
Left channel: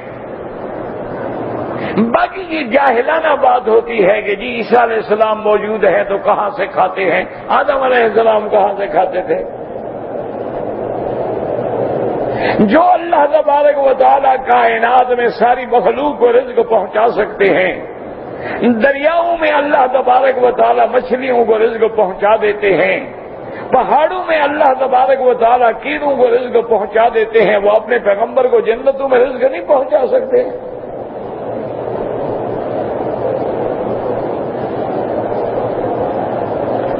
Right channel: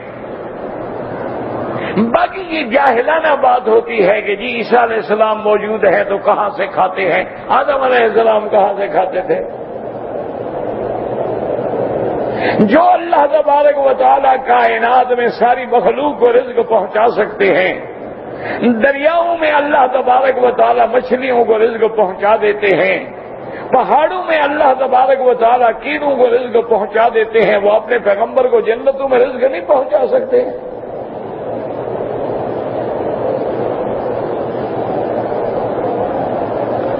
باقی یہ جاہلانہ بات ہوتی ہے کہ جی عیسیٰ علیہ السلام موجود ہیں تو کہاں سے کھاتے ہیں؟ آدم علیہ السلام کہاں سے کھاتے تھے؟ جو اللہ تبارک و تعالیٰ کائنات میں ساری مخلوق کو رزق پہنچا سکتے ہیں، دریاؤں میں اللہ تبارک و تعالیٰ مچھلیوں کو رزق پہنچا دیتے ہیں، پہاڑوں میں اللہ تبارک و تعالیٰ کیڑوں کو رزق پہنچا دیتے ہیں، وہ اپنے پیغمبر کو جنتوں میں رزق نہیں پہنچا سکتے؟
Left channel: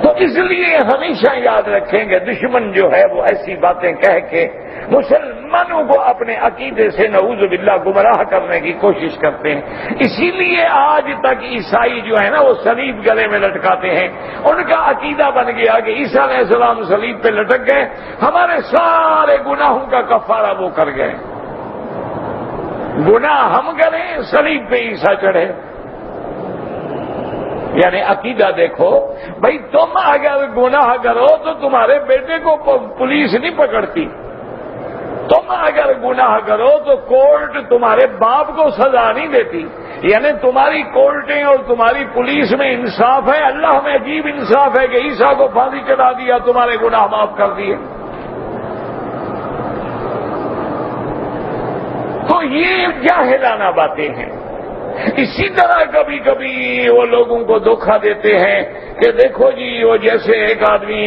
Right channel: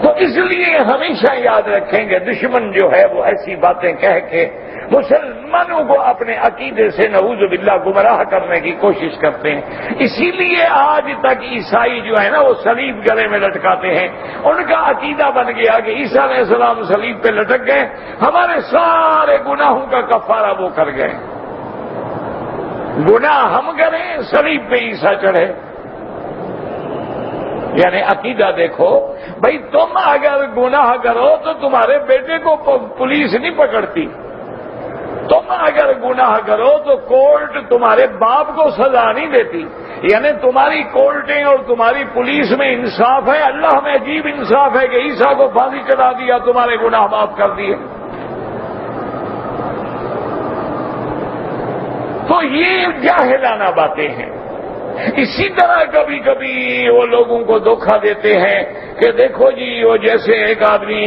تو اس لیے ہمیشہ یاد رکھیں گے دشمن جو ہے وہ ایسی باتیں کہہ کے مسلمانوں کو اپنے عقیدے سے نعوذ باللہ گمراہ کرنے کی کوشش کرتے ہیں۔ اسی لیے آج تک عیسائی جو ہے نا وہ صلیب گلے میں لٹکاتے ہیں، ان کا عقیدہ بن گیا کہ عیسیٰ علیہ السلام صلیب پہ لٹک گئے، ہمارے سارے گناہوں کا کفارہ وہ کر گئے، گناہ ہم کریں صلیب پہ عیسیٰ چڑھے۔ یعنی عقیدہ دیکھو بھائی، تم اگر گناہ کرو تو تمہارے بیٹے کو پولیس نہیں پکڑتی، تم اگر گناہ کرو تو کورٹ تمہارے باپ کو سزا نہیں دیتی، یعنی تمہاری کورٹیں اور تمہاری پولیس میں انصاف ہے، اللہ میں عجیب انصاف ہے کہ عیسیٰ کو پھانسی چڑھا دیا، تمہارے گناہ معاف کر دیے۔ تو یہ جاہلانہ باتیں ہیں۔ اسی طرح کبھی کبھی وہ لوگوں کو دھوکہ دیتے ہیں کہ دیکھو جی وہ جیسے ایک آدمی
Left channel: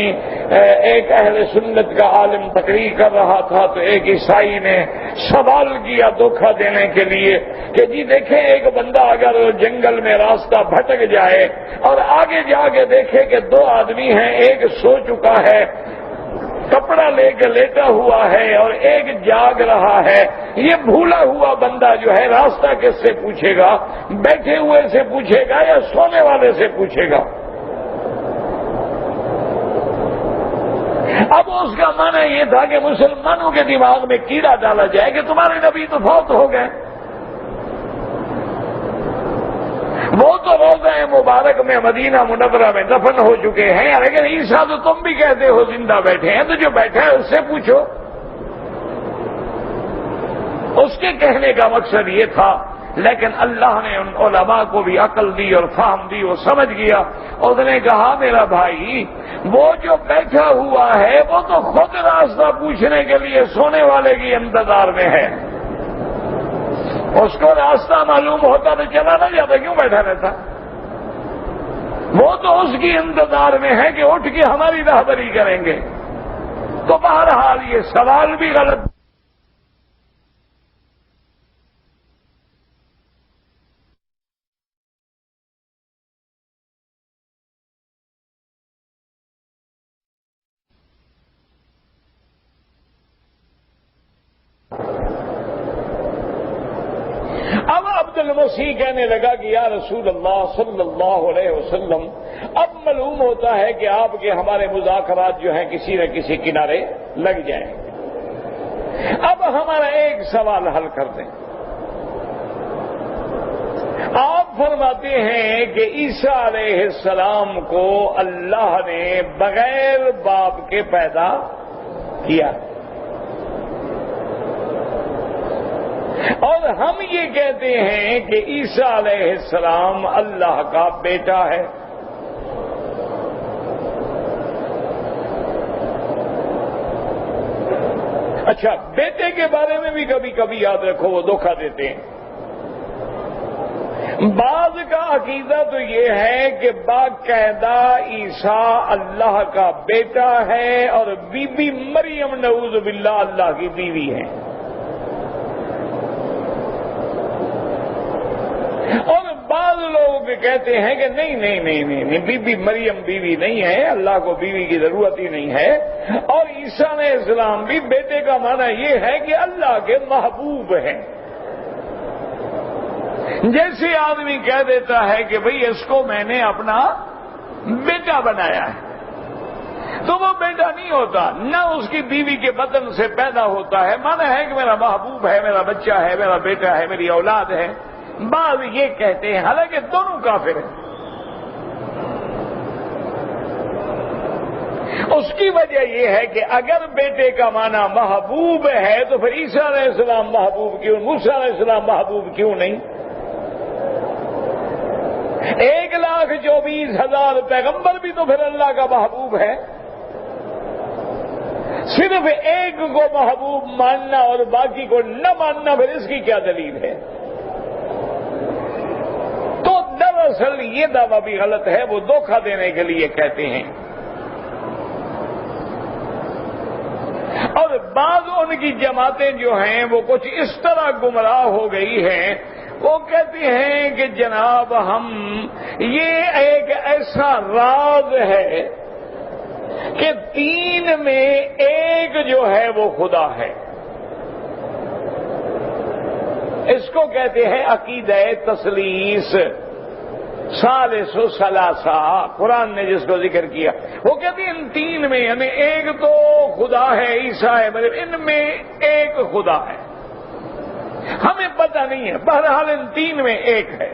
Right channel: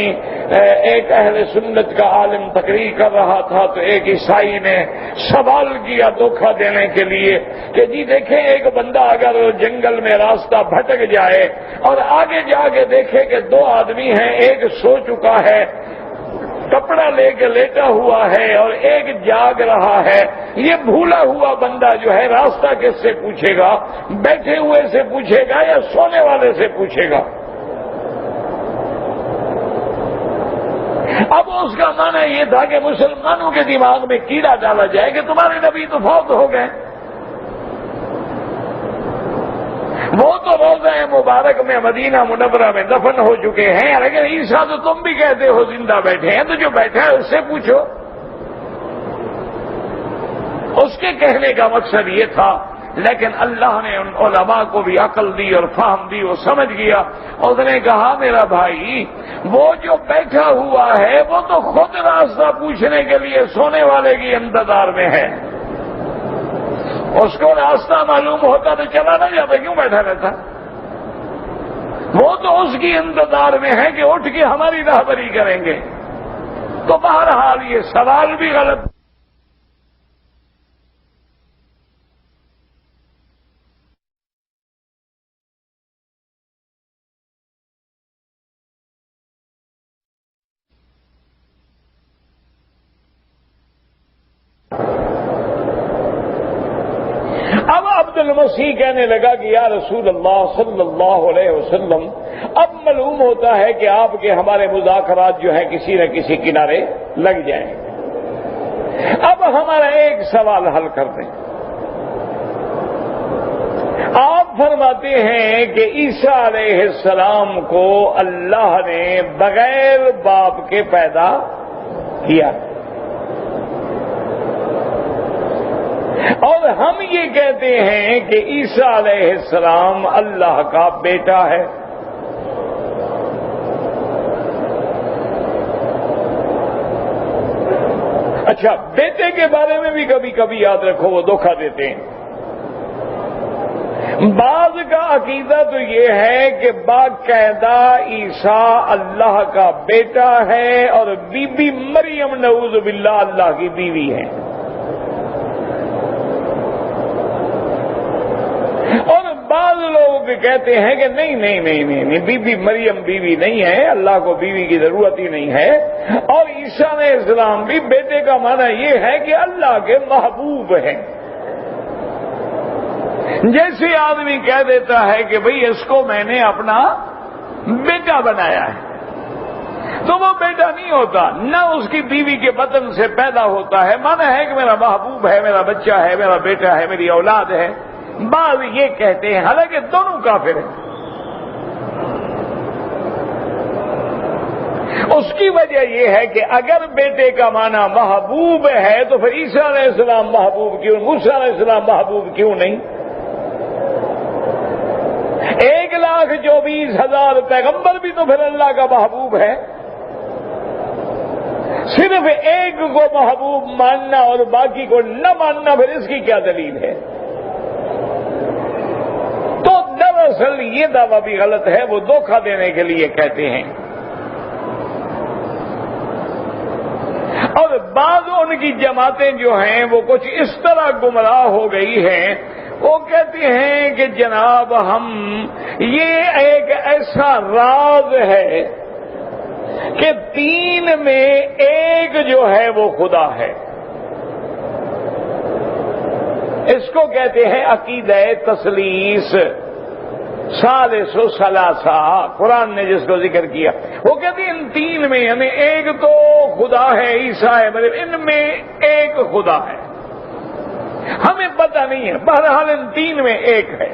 ایک اہل سنت کا عالم تقریر کر رہا تھا تو ایک عیسائی نے سوال کیا دھوکہ دینے کے لیے کہ جی دیکھیں ایک بندہ اگر جنگل میں راستہ بھٹک جائے اور آگے جا کے دیکھے کہ دو آدمی ہیں، ایک سو چکا ہے کپڑا لے کے لیٹا ہوا ہے اور ایک جاگ رہا ہے، یہ بھولا ہوا بندہ جو ہے راستہ کس سے پوچھے گا؟ بیٹھے ہوئے سے پوچھے گا یا سونے والے سے پوچھے گا؟ اب اس کا معنی یہ تھا کہ مسلمانوں کے دماغ میں کیڑا ڈالا جائے کہ تمہارے نبی تو فوت ہو گئے، وہ تو روضہ مبارک میں مدینہ منورہ میں دفن ہو چکے ہیں، لیکن عیسیٰ تو تم بھی کہتے ہو زندہ بیٹھے ہیں، تو جو بیٹھا ہے اس سے پوچھو۔ اس کے کہنے کا مقصد یہ تھا، لیکن اللہ نے ان علماء کو بھی عقل دی اور فہم دی، وہ سمجھ گیا، اور اس نے کہا میرا بھائی وہ جو بیٹھا ہوا ہے وہ تو خود راستہ پوچھنے کے لیے سونے والے کی انتظار میں ہے، اس کو راستہ معلوم ہوتا تو چلا نہ جاتا، کیوں بیٹھا رہتا؟ وہ تو اس کی انتظار میں ہے کہ اٹھ کے ہماری راہبری کریں گے۔ تو بہرحال یہ سوال بھی غلط۔ اب عبد المسیح کہنے لگا کہ یا رسول اللہ صلی اللہ علیہ وسلم، اب معلوم ہوتا ہے کہ آپ کے ہمارے مذاکرات جو ہیں کسی نہ کسی کنارے لگ جائیں، اب ہمارا ایک سوال حل کر دیں۔ آپ فرماتے ہیں کہ عیسیٰ علیہ السلام کو اللہ نے بغیر باپ کے پیدا کیا، اور ہم یہ کہتے ہیں کہ عیسیٰ علیہ السلام اللہ کا بیٹا ہے۔ اچھا، بیٹے کے بارے میں بھی کبھی کبھی یاد رکھو وہ دھوکہ دیتے ہیں۔ بعض کا عقیدہ تو یہ ہے کہ باقاعدہ عیسیٰ اللہ کا بیٹا ہے اور بی بی مریم نعوذ باللہ اللہ کی بیوی ہے، اور بعض لوگ کہتے ہیں کہ نہیں، بی بی مریم بیوی نہیں ہے، اللہ کو بیوی کی ضرورت ہی نہیں ہے، اور عیسیٰ علیہ السلام بھی بیٹے کا معنی یہ ہے کہ اللہ کے محبوب ہیں۔ جیسے آدمی کہہ دیتا ہے کہ بھئی اس کو میں نے اپنا بیٹا بنایا ہے، تو وہ بیٹا نہیں ہوتا، نہ اس کی بیوی کے بطن سے پیدا ہوتا ہے، معنی ہے کہ میرا محبوب ہے، میرا بچہ ہے، میرا بیٹا ہے، میری اولاد ہے۔ بعض یہ کہتے ہیں، حالانکہ دونوں کافر ہیں۔ اس کی وجہ یہ ہے کہ اگر بیٹے کا معنی محبوب ہے تو پھر عیسیٰ علیہ السلام محبوب کیوں، موسیٰ علیہ السلام محبوب کیوں نہیں؟ 1,24,000 پیغمبر بھی تو پھر اللہ کا محبوب ہے۔ صرف ایک کو محبوب ماننا اور باقی کو نہ ماننا، پھر اس کی کیا دلیل ہے؟ تو دراصل یہ دعویٰ بھی غلط ہے، وہ دھوکہ دینے کے لیے کہتے ہیں۔ اور بعض ان کی جماعتیں جو ہیں وہ کچھ اس طرح گمراہ ہو گئی ہیں، وہ کہتے ہیں کہ جناب ہم یہ ایک ایسا راز ہے کہ 3 میں 1 جو ہے وہ خدا ہے، اس کو کہتے ہیں عقیدہ تثلیث، ثالث و ثلاثہ، قرآن نے جس کو ذکر کیا۔ وہ کہتے ہیں ان 3 میں یعنی ایک تو خدا ہے، عیسیٰ ہے، ان میں ایک خدا ہے، ہمیں پتہ نہیں ہے، بہرحال ان 3 میں ایک ہے۔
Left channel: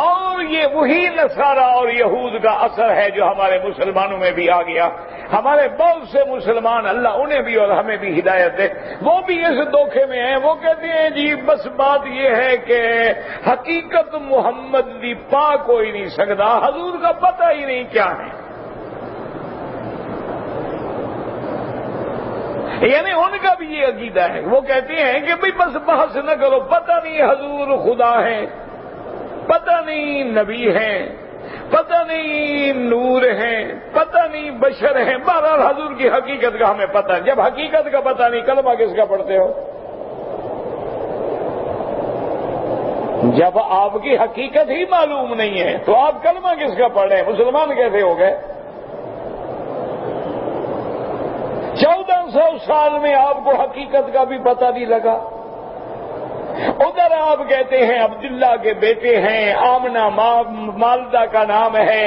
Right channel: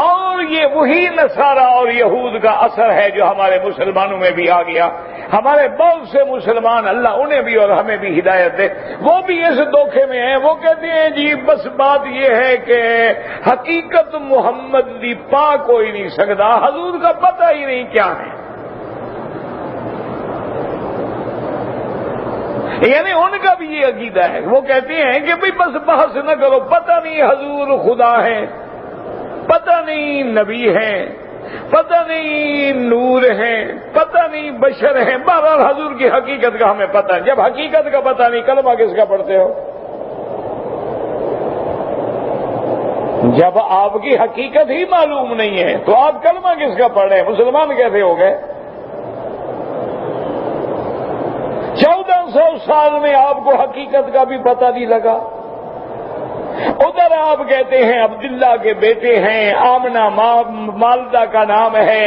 اور یہ وہی نصارہ اور یہود کا اثر ہے جو ہمارے مسلمانوں میں بھی آ گیا۔ ہمارے بہت سے مسلمان، اللہ انہیں بھی اور ہمیں بھی ہدایت دے، وہ بھی اس دھوکے میں ہیں۔ وہ کہتے ہیں جی بس بات یہ ہے کہ حقیقت محمد دی پا کوئی نہیں سکتا، حضور کا پتہ ہی نہیں کیا ہے۔ یعنی ان کا بھی یہ عقیدہ ہے، وہ کہتے ہیں کہ بھئی بس بحث نہ کرو، پتہ نہیں حضور خدا ہے، پتہ نہیں نبی ہیں، پتہ نہیں نور ہیں، پتہ نہیں بشر ہیں، بہرحال حضور کی حقیقت کا ہمیں پتہ ہے۔ جب حقیقت کا پتہ نہیں کلمہ کس کا پڑھتے ہو؟ جب آپ کی حقیقت ہی معلوم نہیں ہے تو آپ کلمہ کس کا پڑھ رہے ہیں؟ مسلمان کیسے ہو گئے؟ 1400 سال میں آپ کو حقیقت کا بھی پتہ نہیں لگا۔ ادھر آپ کہتے ہیں عبداللہ کے بیٹے ہیں، آمنہ مالدہ کا نام ہے،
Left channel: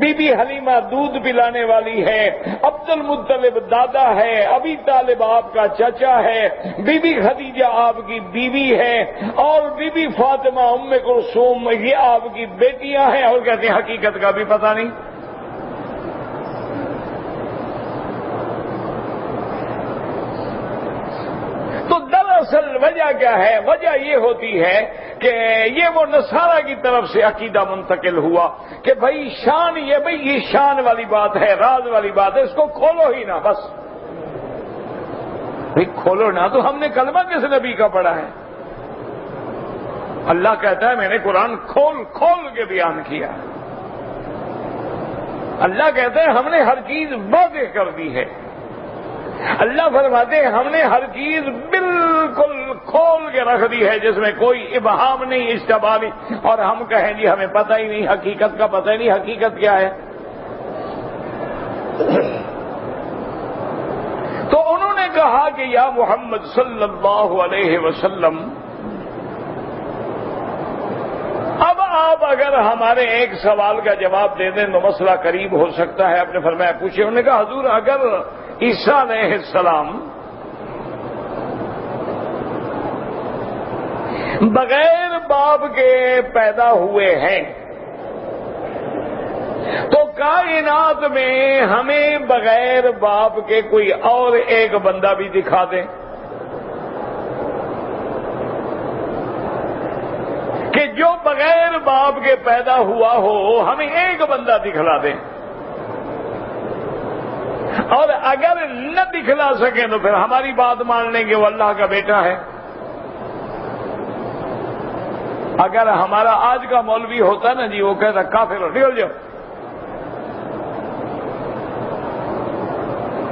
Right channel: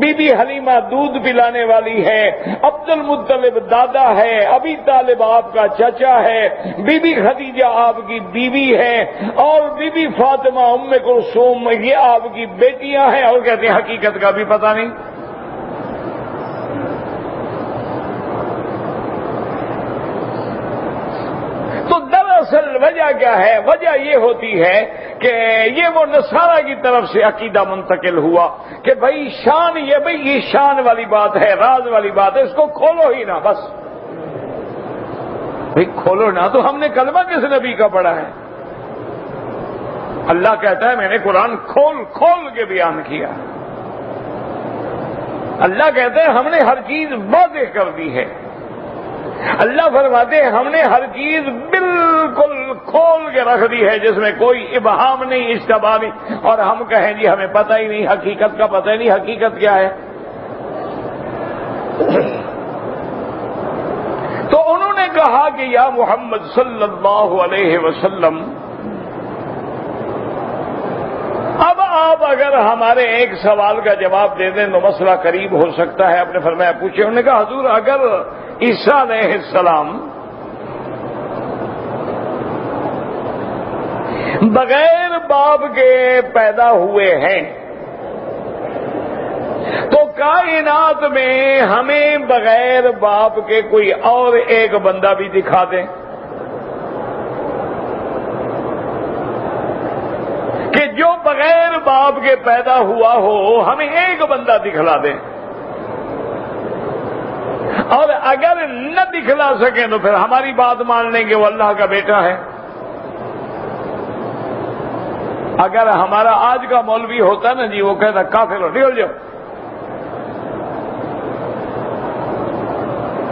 بی بی حلیمہ دودھ پلانے والی ہے، عبد المطلب دادا ہے، ابی طالب آپ کا چچا ہے، بی بی خدیجہ آپ کی بیوی ہے، اور بی بی فاطمہ ام کلثوم یہ آپ کی بیٹیاں ہیں، اور کہتے ہیں حقیقت کا بھی پتہ نہیں۔ تو دراصل وجہ کیا ہے؟ وجہ یہ ہوتی ہے کہ یہ وہ نصارہ کی طرف سے عقیدہ منتقل ہوا کہ بھائی شان، یہ شان والی بات ہے، راز والی بات ہے، اس کو کھولو ہی نہ، بس بھائی کھولو نہ۔ تو ہم نے کلمہ کس نبی کا پڑھا ہے؟ اللہ کہتا ہے میں نے قرآن کھول کھول کے بیان کیا۔ اللہ کہتے ہیں ہم نے ہر چیز واضح کر دی ہے۔ اللہ فرماتے ہیں ہم نے ہر چیز بالکل کھول کے رکھ دی ہے، جس میں کوئی ابہام نہیں، اشتباہ نہیں، اور ہم کہیں جی ہمیں پتہ ہی نہیں، حقیقت کا پتہ ہی نہیں۔ حقیقت کیا ہے؟ تو انہوں نے کہا کہ یا محمد صلی اللہ علیہ وسلم، اب آپ اگر ہمارے ایک سوال کا جواب دے دیں تو مسئلہ قریب ہو سکتا ہے۔ آپ نے فرمایا پوچھے۔ انہوں نے کہا حضور اگر عیسیٰ علیہ السلام بغیر باپ کے پیدا ہوئے ہیں تو کائنات میں ہمیں بغیر باپ کے کوئی اور ایک بندہ بھی دکھا دیں کہ جو بغیر باپ کے پیدا ہوا ہو، ہمیں ایک بندہ دکھلا دیں، اور اگر نہ دکھلا سکیں تو پھر ہماری بات مان لیں گے وہ اللہ کا بیٹا ہے۔ اگر ہمارا آج کا مولوی ہوتا نا جی، وہ کہتا کافر ہو، نکل جاؤ۔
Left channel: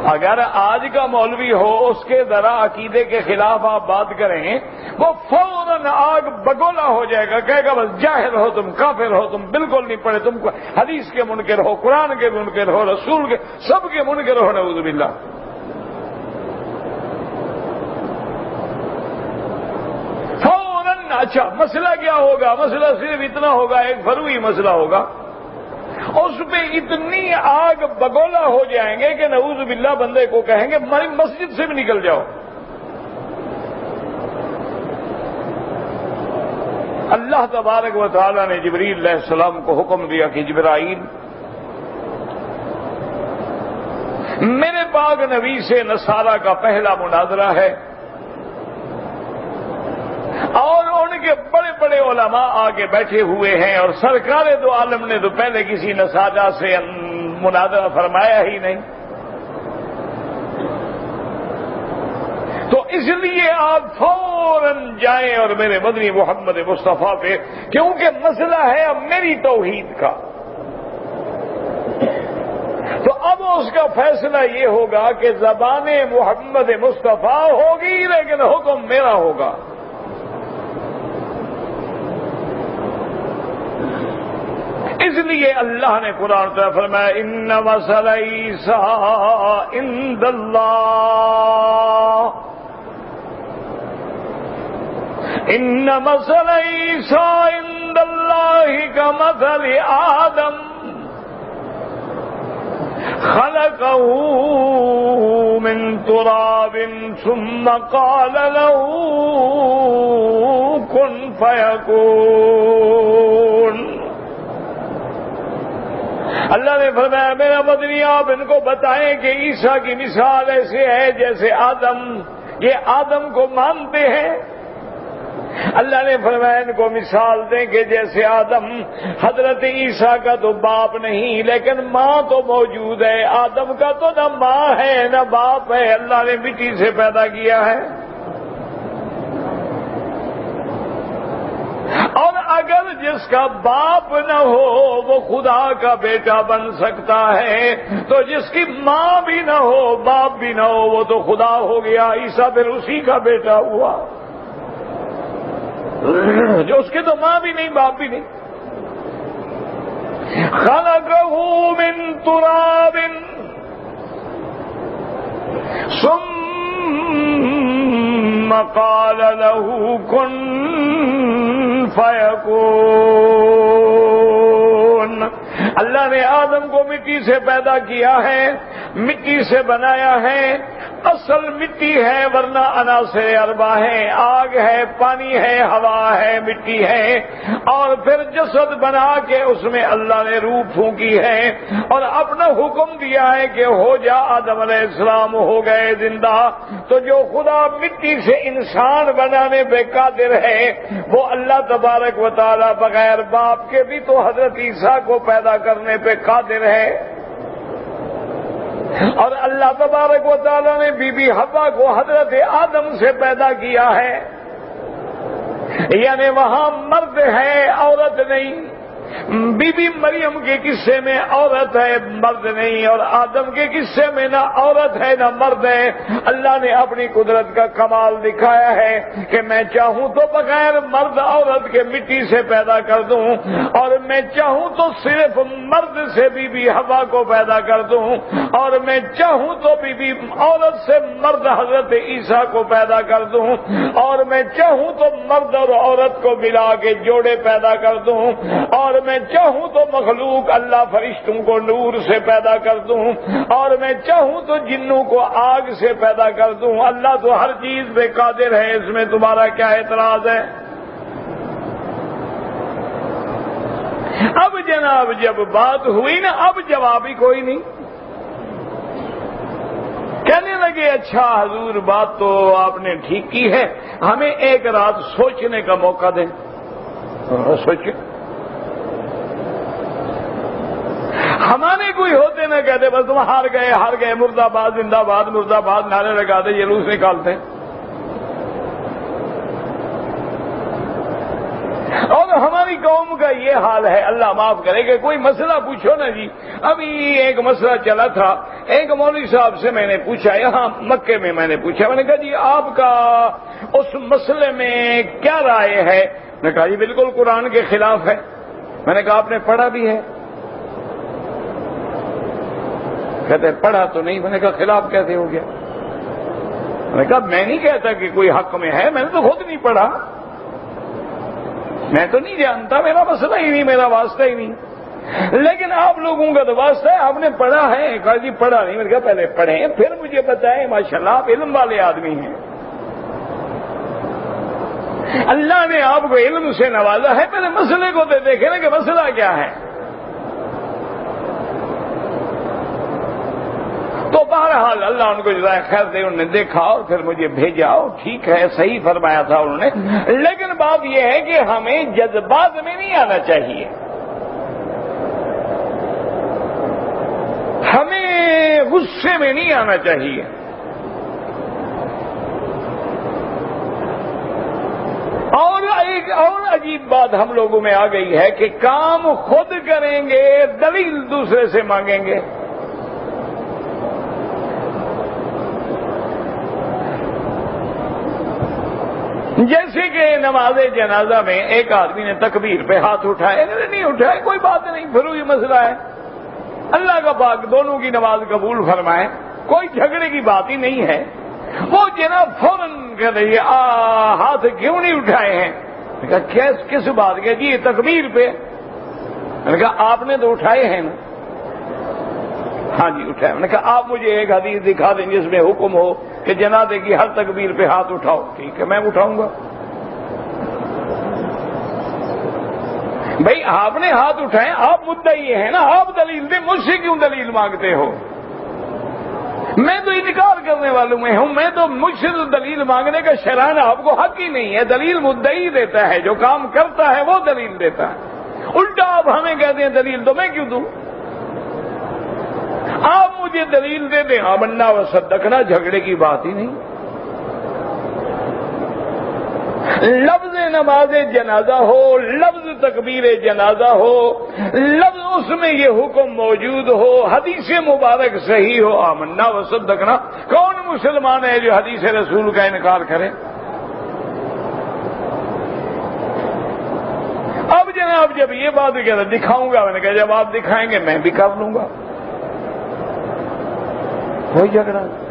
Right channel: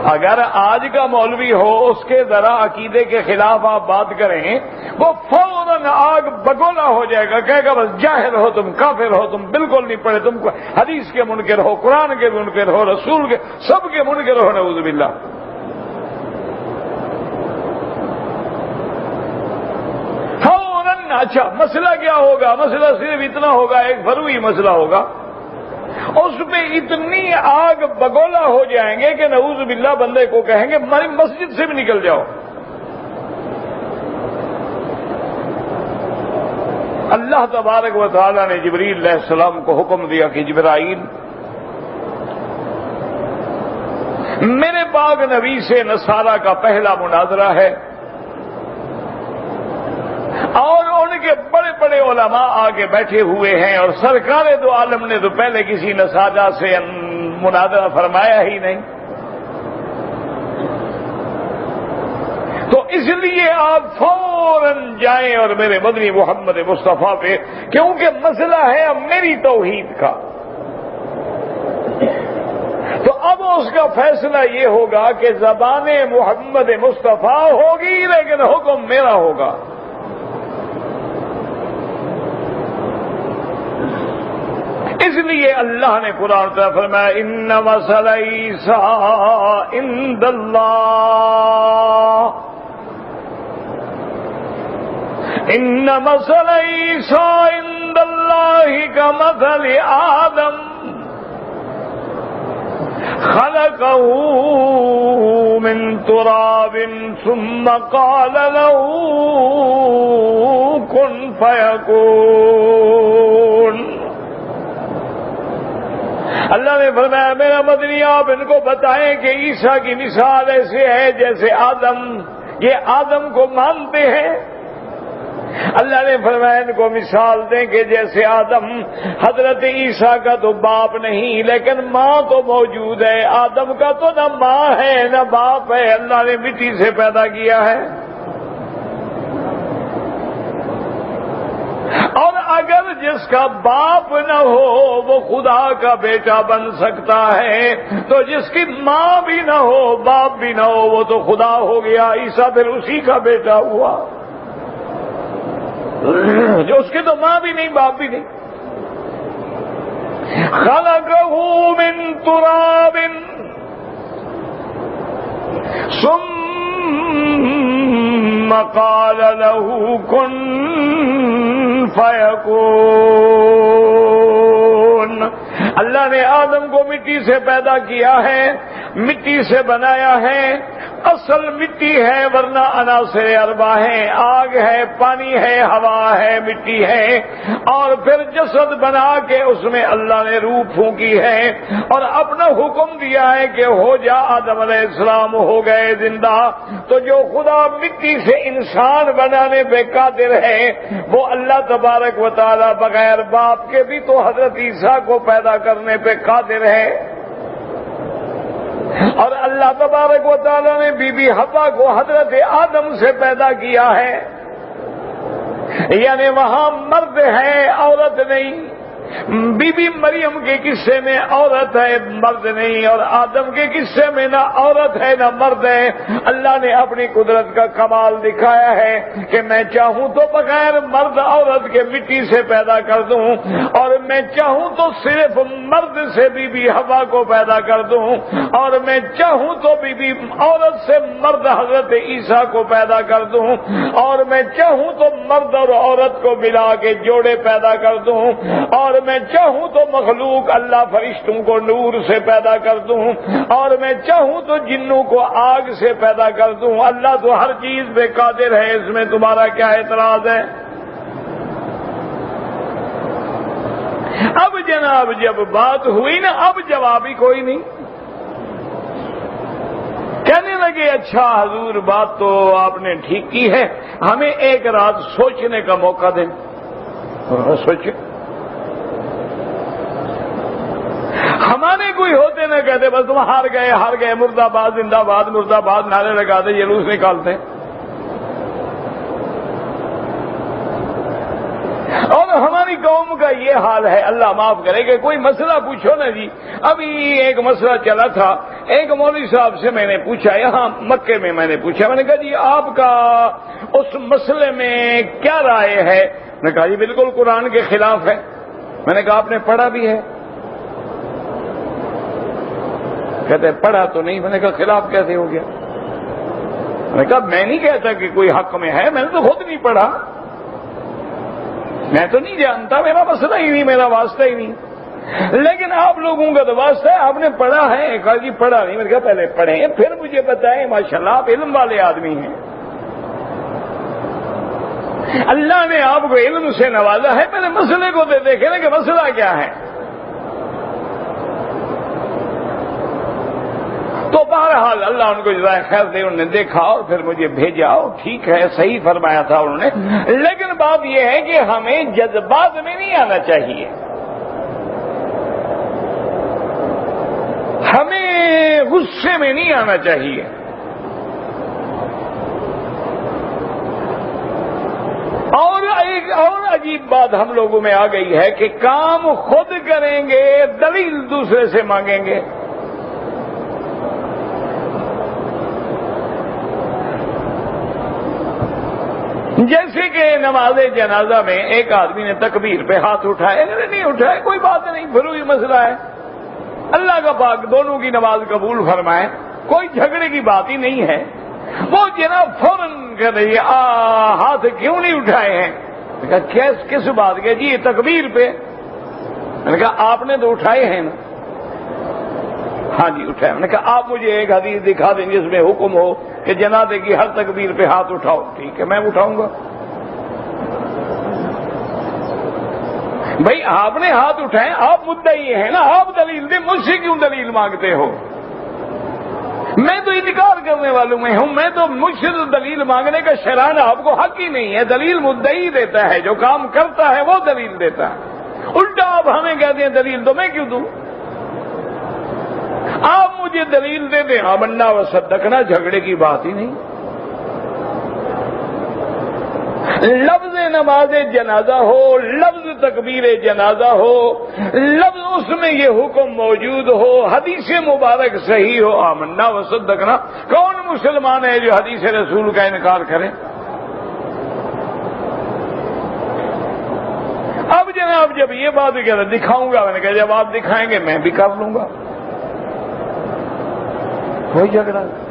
اگر آج کا مولوی ہو، اس کے ذرا عقیدے کے خلاف آپ بات کریں، وہ فوراً آگ بگولا ہو جائے گا، کہے گا بس جاہل ہو تم، کافر ہو تم، بالکل نہیں پڑھے تم، حدیث کے منکر ہو، قرآن کے منکر ہو، رسول کے، سب کے منکر ہو، نعوذ باللہ۔ فوراً اچھا مسئلہ کیا ہوگا؟ مسئلہ صرف اتنا ہوگا، ایک فروعی مسئلہ ہوگا، اس پہ اتنی آگ بگولا ہو جائیں گے کہ نعوذ باللہ بندے کو کہیں گے مسجد سے بھی نکل جاؤ۔ اللہ تبارک و تعالی نے جبریل علیہ السلام کو حکم دیا کہ جبرائیل میرے پاک نبی سے نصارہ کا پہلا مناظرہ ہے، اور ان کے بڑے بڑے علماء آگے بیٹھے ہوئے ہیں، اور سرکار دو عالم نے تو پہلے کسی نصارہ سے مناظرہ فرمایا ہی نہیں، تو اس لیے آپ فوراً جائیں اور میرے مدنی محمد مصطفیٰ پہ، کیونکہ مسئلہ ہے اب میری توحید کا، تو اب اس کا فیصلہ یہ ہوگا کہ زبان محمد مصطفیٰ ہوگی لیکن حکم میرا ہوگا۔ اس لیے اللہ نے قرآن کا فرمایا ان مثل عیسیٰ عند اللہ، ان مثل عیسیٰ عند اللہ کمثل آدم خلقه من تراب ثم قال له كن فيكون۔ اللہ نے فرمایا میرا مدنی آپ ان کو بتائیں کہ عیسیٰ کی مثال ایسے ہے جیسے آدم، یہ آدم کو مانتے ہیں، اللہ نے فرمایا ان کو مثال دیں کہ جیسے آدم، حضرت عیسیٰ کا تو باپ نہیں لیکن ماں تو موجود ہے، آدم کا تو نہ ماں ہے نہ باپ ہے، اللہ نے مٹی سے پیدا کیا ہے، اور اگر جس کا باپ نہ ہو وہ خدا کا بیٹا بن سکتا ہے، تو جس کی ماں بھی نہ ہو باپ بھی نہ ہو وہ تو خدا ہو گیا، عیسیٰ پھر اسی کا بیٹا ہوا جو اس کی تو ماں بھی نہیں باپ بھی نہیں۔ خلقہ من تراب ثم قال له كن فيكون۔ اللہ نے آدم کو مٹی سے پیدا کیا ہے، مٹی سے بنایا ہے، اصل مٹی ہے ورنہ عناصر اربع ہے، آگ ہے، پانی ہے، ہوا ہے، مٹی ہے، اور پھر جسد بنا کے اس میں اللہ نے روح پھونکی ہے اور اپنا حکم دیا ہے کہ ہو جا، آدم علیہ السلام ہو گئے زندہ۔ تو جو خدا مٹی سے انسان بنانے پہ قادر ہے وہ اللہ تبارک و تعالی بغیر باپ کے بھی تو حضرت عیسیٰ کو پیدا کرنے پہ قادر ہے، اور اللہ تبارک و تعالیٰ نے بی بی حوا کو حضرت آدم سے پیدا کیا ہے، یعنی وہاں مرد ہے عورت نہیں۔ بی بی مریم کے قصے میں عورت ہے مرد نہیں، اور آدم کے قصے میں نہ عورت ہے نہ مرد ہے۔ اللہ نے اپنی قدرت کا کمال دکھایا ہے کہ میں چاہوں تو بغیر مرد عورت کے مٹی سے پیدا کر دوں، اور میں چاہوں تو صرف مرد سے بی بی حوا کو پیدا کر دوں، اور میں چاہوں تو بی بی عورت سے مرد حضرت عیسیٰ کو پیدا کر دوں، اور میں چاہوں تو مرد اور عورت کو ملا کے جوڑے پیدا کر دوں، اور میں چاہوں تو مخلوق اللہ فرشتوں کو نور سے پیدا کر دوں، اور میں چاہوں تو جنوں کو آگ سے پیدا کر دوں۔ اللہ تو ہر چیز پہ قادر ہے، اس میں تمہارا کیا اعتراض ہے؟ اب جناب جب بات ہوئی نا، اب جواب ہی کوئی نہیں۔ کہنے لگے اچھا حضور بات تو آپ نے ٹھیک کی ہے، ہمیں ایک رات سوچنے کا موقع دیں۔ سوچے ہمارے کوئی ہوتے نہ کہتے بس تم ہار گئے مرد آباد زندہ باد مرد آباد نعرے لگاتے جلوس نکالتے ہیں۔ اور ہماری قوم کا یہ حال ہے، اللہ معاف کرے کہ کوئی مسئلہ پوچھو نا جی۔ ابھی ایک مسئلہ چلا تھا، ایک مولوی صاحب سے میں نے پوچھا، یہاں مکے میں میں نے پوچھا، میں نے کہا جی آپ کا اس مسئلے میں کیا رائے ہے؟ میں نے کہا جی بالکل قرآن کے خلاف ہے۔ میں نے کہا آپ نے پڑھا بھی ہے؟ کہتے پڑھا تو نہیں۔ میں نے کہا خلاف کیسے ہو گیا؟ میں نے کہا میں نہیں کہتا کہ کوئی حق میں ہے، میں نے تو خود نہیں پڑھا، میں تو نہیں جانتا، میرا مسئلہ ہی نہیں، میرا واسطہ ہی نہیں، لیکن آپ لوگوں کا تو واسطہ ہے، آپ نے پڑھا ہے؟ کہا جی پڑھا نہیں۔ میں نے کہا پہلے پڑھیں پھر مجھے بتائیں، ماشاءاللہ آپ علم والے آدمی ہیں، اللہ نے آپ کو علم سے نوازا ہے، پہلے مسئلے کو دیکھیں نا کہ مسئلہ کیا ہے۔ تو بہرحال اللہ ان کو جزائے خیر دے، انہوں نے دیکھا اور پھر مجھے بھیجا، اور ٹھیک ہے صحیح فرمایا تھا انہوں نے، لیکن بات یہ ہے کہ ہمیں جذبات میں نہیں آنا چاہیے، ہمیں غصے میں نہیں آنا چاہیے۔ اور ایک اور عجیب بات ہم لوگوں میں آ گئی ہے کہ کام خود کریں گے، دلیل دوسرے سے مانگیں گے۔ جیسے کہ نماز جنازہ میں ایک آدمی نے تکبیر پہ ہاتھ اٹھائے، نہیں اٹھائے کوئی بات نہیں، پھر وہی مسئلہ ہے، اللہ کا پاک دونوں کی نماز قبول فرمائے، کوئی جھگڑے کی بات ہی نہیں ہے۔ وہ جناب فوراً کہہ رہی ہے ہاتھ کیوں نہیں اٹھائے ہیں؟ میں نے کہا کس بات کے؟ جی تکبیر پہ۔ میں نے کہا آپ نے تو اٹھائے ہیں نا؟ ہاں جی اٹھائے۔ میں نے کہا آپ مجھے ایک حدیث دکھا دیں جس میں حکم ہو کہ جنازے کی ہر تکبیر پہ ہاتھ اٹھاؤ۔ ٹھیک ہے میں اٹھاؤں گا۔ بھائی آپ نے ہاتھ اٹھائے، آپ مدعی ہیں نا، آپ دلیل دیں، مجھ سے کیوں دلیل مانگتے ہو؟ میں تو انکار کرنے والوں میں ہوں، میں تو مجھ سے تو دلیل مانگنے کا شران آپ کو حق ہی نہیں ہے، دلیل مدعی دیتا ہے، جو کام کرتا ہے وہ دلیل دیتا ہے، الٹا آپ ہمیں کہتے ہیں دلیل تو میں کیوں دوں؟ آپ مجھے دلیل دے دیں، آمنا و صدقنا، جھگڑے کی بات ہی نہیں۔ لفظ نماز جنازہ ہو، لفظ تکبیر جنازہ ہو، لفظ اس میں یہ حکم موجود ہو، حدیث مبارک صحیح ہو، آمنا و صدقنا۔ کون مسلمان ہے جو حدیث رسول کا انکار کرے؟ اب جناب جب یہ بات کہہ رہے دکھاؤں گا، میں نے کہا جب آپ دکھائیں گے میں بھی کر لوں گا، کوئی جھگڑا نہیں۔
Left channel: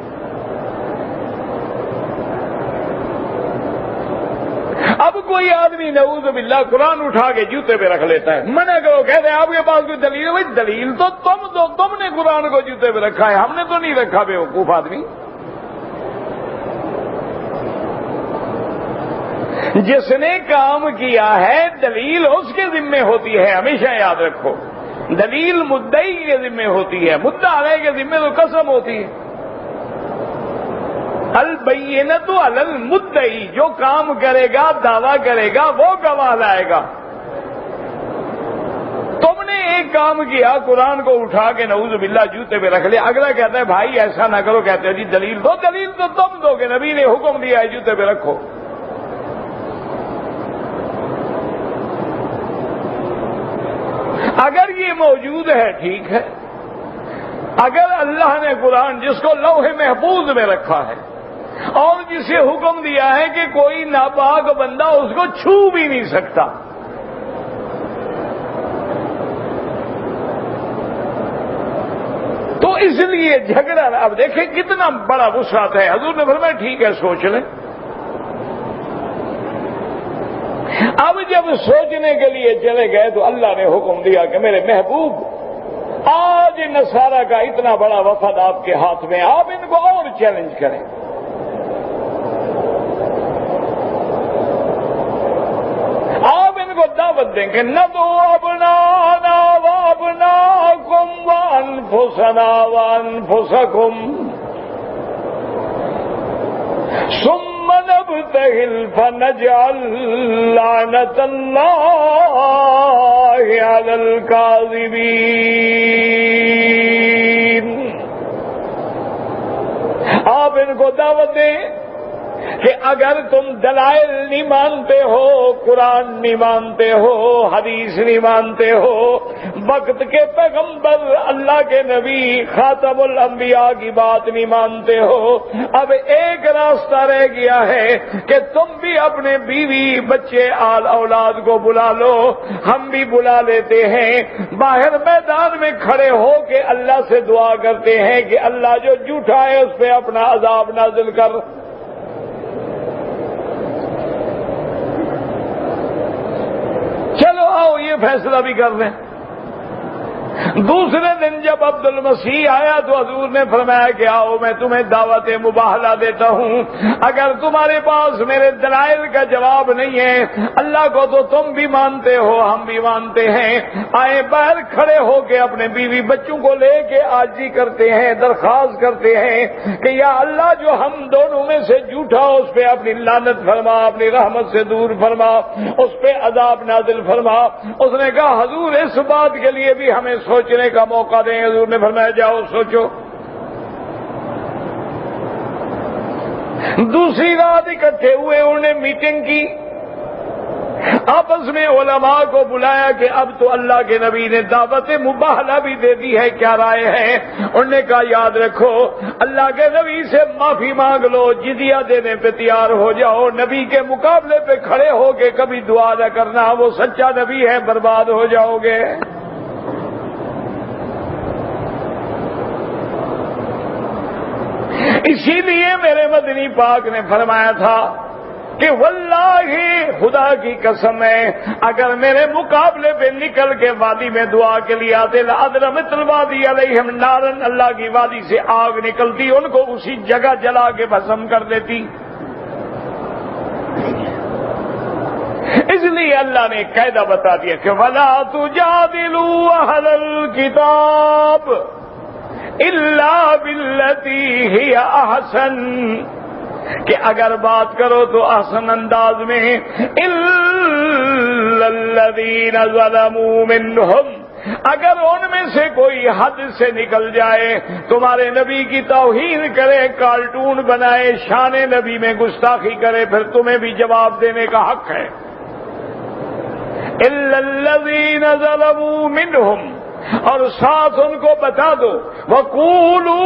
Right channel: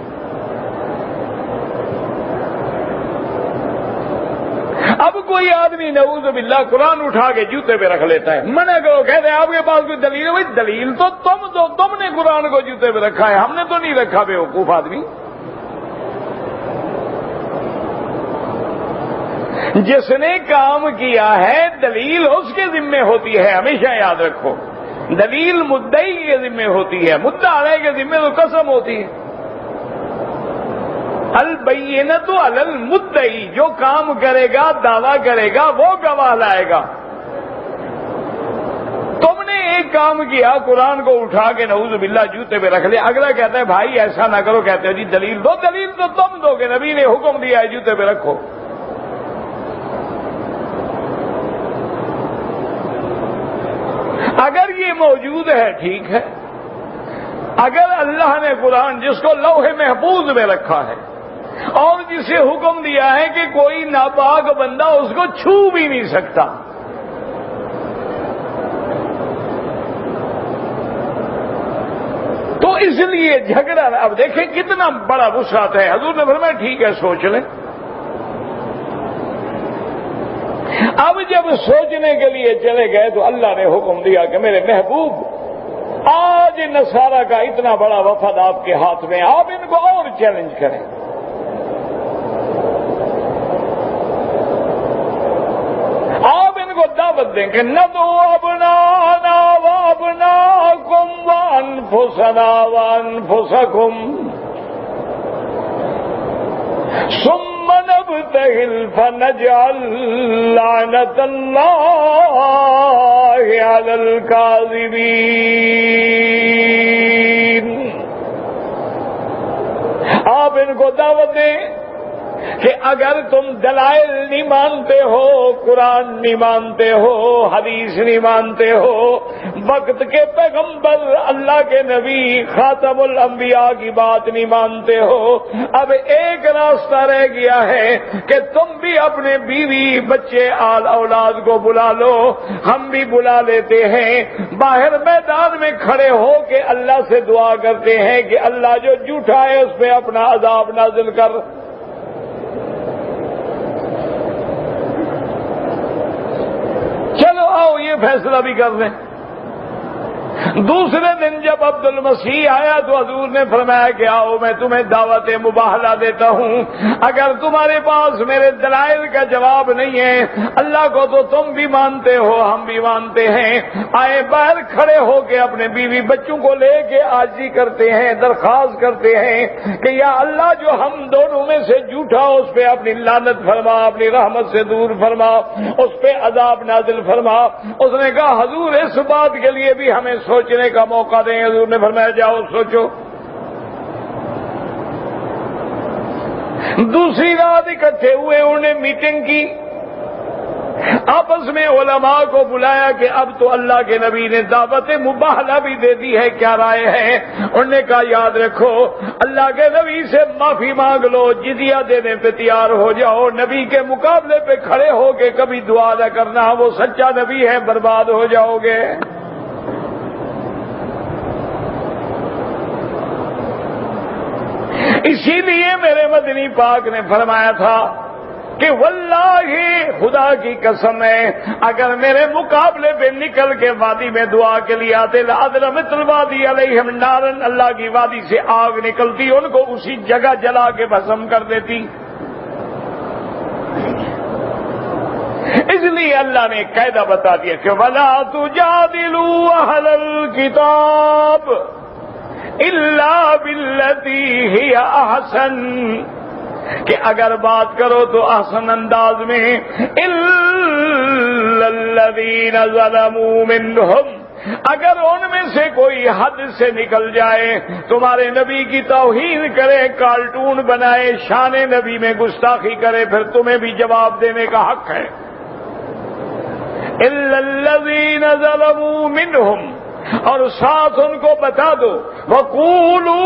اب کوئی آدمی نعوذ باللہ قرآن اٹھا کے جوتے پہ رکھ لیتا ہے، منع کرو، کہتے ہیں آپ کے پاس کوئی دلیل ہے؟ بھائی دلیل تو تم دو، تم نے قرآن کو جوتے پہ رکھا ہے، ہم نے تو نہیں رکھا، بیوقوف آدمی۔ جس نے کام کیا ہے دلیل اس کے ذمہ ہوتی ہے، ہمیشہ یاد رکھو، دلیل مدعی کے ذمہ ہوتی ہے، مدعا علیہ کے ذمہ تو قسم ہوتی ہے۔ البینۃ علی المدعی، جو کام کرے گا دعویٰ کرے گا وہ گواہ لائے گا۔ تم نے ایک کام کیا، قرآن کو اٹھا کے نعوذ باللہ جوتے پہ رکھ لیا، اگلا کہتا ہے بھائی ایسا نہ کرو، کہتے ہیں جی دلیل دو، دلیل تو تم دو کہ نبی نے حکم دیا ہے جوتے پہ رکھو۔ اگر یہ موجود ہے ٹھیک ہے، اگر اللہ نے قرآن جس کو لوح محفوظ میں رکھا ہے اور جسے حکم دیا ہے کہ کوئی ناپاک بندہ اس کو چھو بھی نہیں سکتا، تو اس لیے جھگڑا، اب دیکھیں کتنا بڑا وسعت ہے۔ حضور نے فرمایا ٹھیک ہے سوچ لیں۔ اب جب سوچنے کے لیے چلے گئے تو اللہ نے حکم دیا کہ میرے محبوب آج نصارہ کا اتنا بڑا وفد آپ کے ہاتھ میں، آپ ان کو اور چیلنج کریں۔ آپ ان کو دعوت دیں کہ ندعو ابناءنا وابناءکم وانفسنا وانفسکم ثم نبتہل فنجعل لعنت اللہ علی الکاذبین۔ آپ ان کو دعوت دیں کہ اگر تم دلائل نہیں مانتے ہو، قرآن نہیں مانتے ہو، حدیث نہیں مانتے ہو، وقت کے پیغمبر اللہ کے نبی خاتم الانبیاء کی بات نہیں مانتے ہو، اب ایک راستہ رہ گیا ہے کہ تم بھی اپنے بیوی بچے آل اولاد کو بلا لو، ہم بھی بلا لیتے ہیں، باہر میدان میں کھڑے ہو کے اللہ سے دعا کرتے ہیں کہ اللہ جو جھوٹا ہے اس پہ اپنا عذاب نازل کر۔ چلو آؤ یہ فیصلہ بھی کر لیں۔ دوسرے دن جب عبد المسیح آیا تو حضور نے فرمایا کہ آؤ میں تمہیں دعوت مباہلہ دیتا ہوں، اگر تمہارے پاس میرے دلائل کا جواب نہیں ہے، اللہ کو تو تم بھی مانتے ہو ہم بھی مانتے ہیں، آئے باہر کھڑے ہو کے اپنے بیوی بچوں کو لے کے عاجزی کرتے ہیں، درخواست کرتے ہیں کہ یا اللہ جو ہم دونوں میں سے جھوٹا اس پہ اپنی لعنت فرما، اپنی رحمت سے دور فرما، اس پہ عذاب نازل فرما۔ اس نے کہا حضور اس بات کے لیے بھی ہمیں سوچنے کا موقع دیں۔ حضور نے فرمایا جاؤ سوچو۔ دوسری رات اکٹھے ہوئے، انہوں نے میٹنگ کی، آپس میں علماء کو بلایا کہ اب تو اللہ کے نبی نے دعوت مباہلہ بھی دے دی ہے، کیا رائے ہے؟ انہوں نے کہا یاد رکھو اللہ کے نبی سے معافی مانگ لو، جزیہ دینے پہ تیار ہو جاؤ، نبی کے مقابلے پہ کھڑے ہو کے کبھی دعا نہ کرنا، وہ سچا نبی ہے، برباد ہو جاؤ گے۔ اسی لیے میرے مدنی پاک نے فرمایا تھا کہ واللہ خدا کی قسم ہے اگر میرے مقابلے پہ نکل کے وادی میں دعا کے لیے آتے لأضرمت الوادی علیہم نارن، اللہ کی وادی سے آگ نکلتی ان کو اسی جگہ جلا کے بھسم کر دیتی۔ اس لیے اللہ نے قاعدہ بتا دیا کہ وَلَا تُجَادِلُوا أَهْلَ الْكِتَابِ إِلَّا بِالَّتِي هِيَ أَحْسَنُ، کہ اگر بات کرو تو احسن انداز میں، إِلَّا الَّذِينَ ظَلَمُوا مِنْهُمْ، اگر ان میں سے کوئی حد سے نکل جائے، تمہارے نبی کی توہین کرے، کارٹون بنائے، شان نبی میں گستاخی کرے، پھر تمہیں بھی جواب دینے کا حق ہے۔ الا الذین ظلموا منہم، اور ساتھ ان کو بتا دو، وَقُولُوا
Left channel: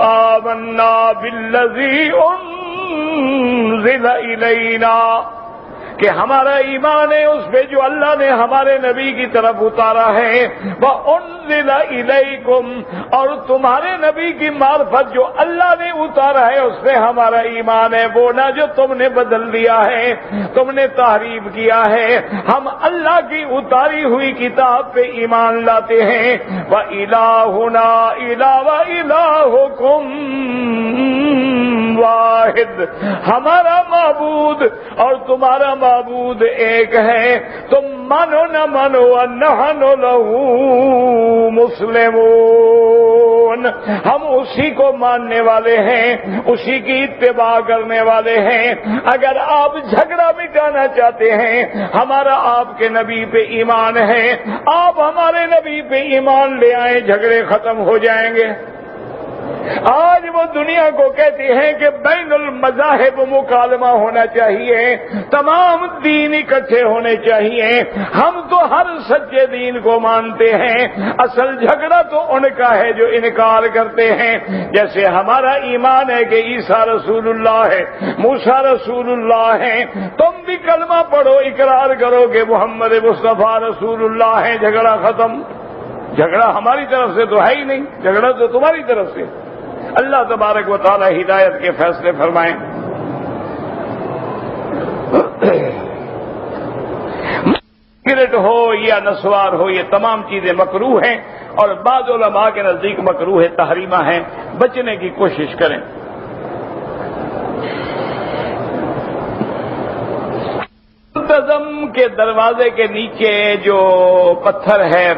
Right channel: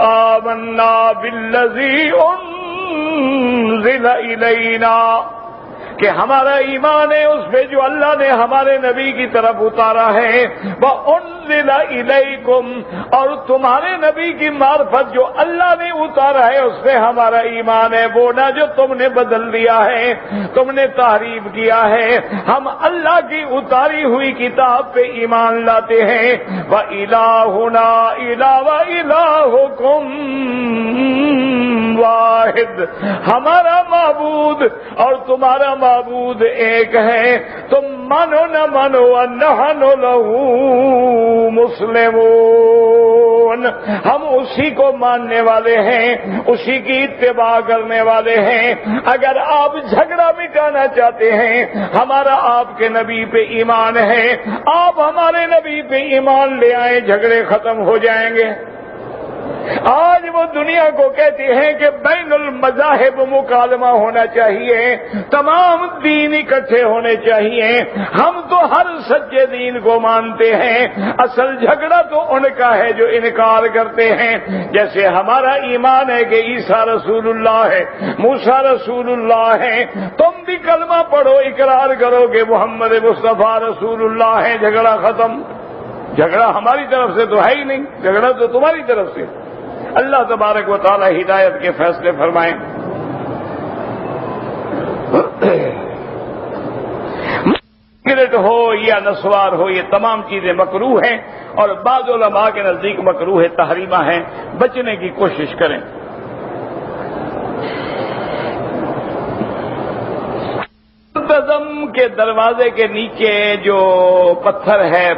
آمَنَّا بِالَّذِي أُنزِلَ إِلَيْنَا، کہ ہمارا ایمان ہے اس پہ جو اللہ نے ہمارے نبی کی طرف اتارا ہے، وَأُنزِلَ إِلَيْكُمْ، اور تمہارے نبی کی معرفت جو اللہ نے اتارا ہے اس پہ ہمارا ایمان ہے، وہ نہ جو تم نے بدل دیا ہے، تم نے تحریف کیا ہے، ہم اللہ کی اتاری ہوئی کتاب پہ ایمان لاتے ہیں۔ وَإِلَٰهُنَا إِلَٰهُ وَإِلَٰهُكُمْ واحد، ہمارا معبود اور تمہارا معبود ایک ہے، تم مانو نہ مانو، وَنَحْنُ لَهُ مسلمون، ہم اسی کو ماننے والے ہیں، اسی کی اتباع کرنے والے ہیں۔ اگر آپ جھگڑا مٹانا چاہتے ہیں، ہمارا آپ کے نبی پہ ایمان ہے، آپ ہمارے نبی پہ ایمان لے آئیں، جھگڑے ختم ہو جائیں گے۔ آج وہ دنیا کو کہتے ہیں کہ بین المذاہب مکالمہ ہونا چاہیے، تمام دین اکٹھے ہونے چاہیے، ہم تو ہر سچے دین کو مانتے ہیں، اصل جھگڑا تو ان کا ہے جو انکار کرتے ہیں۔ جیسے ہمارا ایمان ہے کہ عیسیٰ رسول اللہ ہے، موسیٰ رسول اللہ ہے، تم بھی کلمہ پڑھو، اقرار کرو کہ محمد مصطفیٰ رسول اللہ ہے، جھگڑا ختم۔ جھگڑا ہماری طرف سے تو ہے ہی نہیں، جھگڑا تو تمہاری طرف سے۔ اللہ تبارک و تعالی ہدایت کے فیصلے فرمائیں۔ سگریٹ ہو یا نسوار ہو، یہ تمام چیزیں مکروہ ہیں، اور بعض علماء کے نزدیک مکروہ تحریمہ ہیں، بچنے کی کوشش کریں۔ منتظم کے دروازے کے نیچے جو پتھر ہے،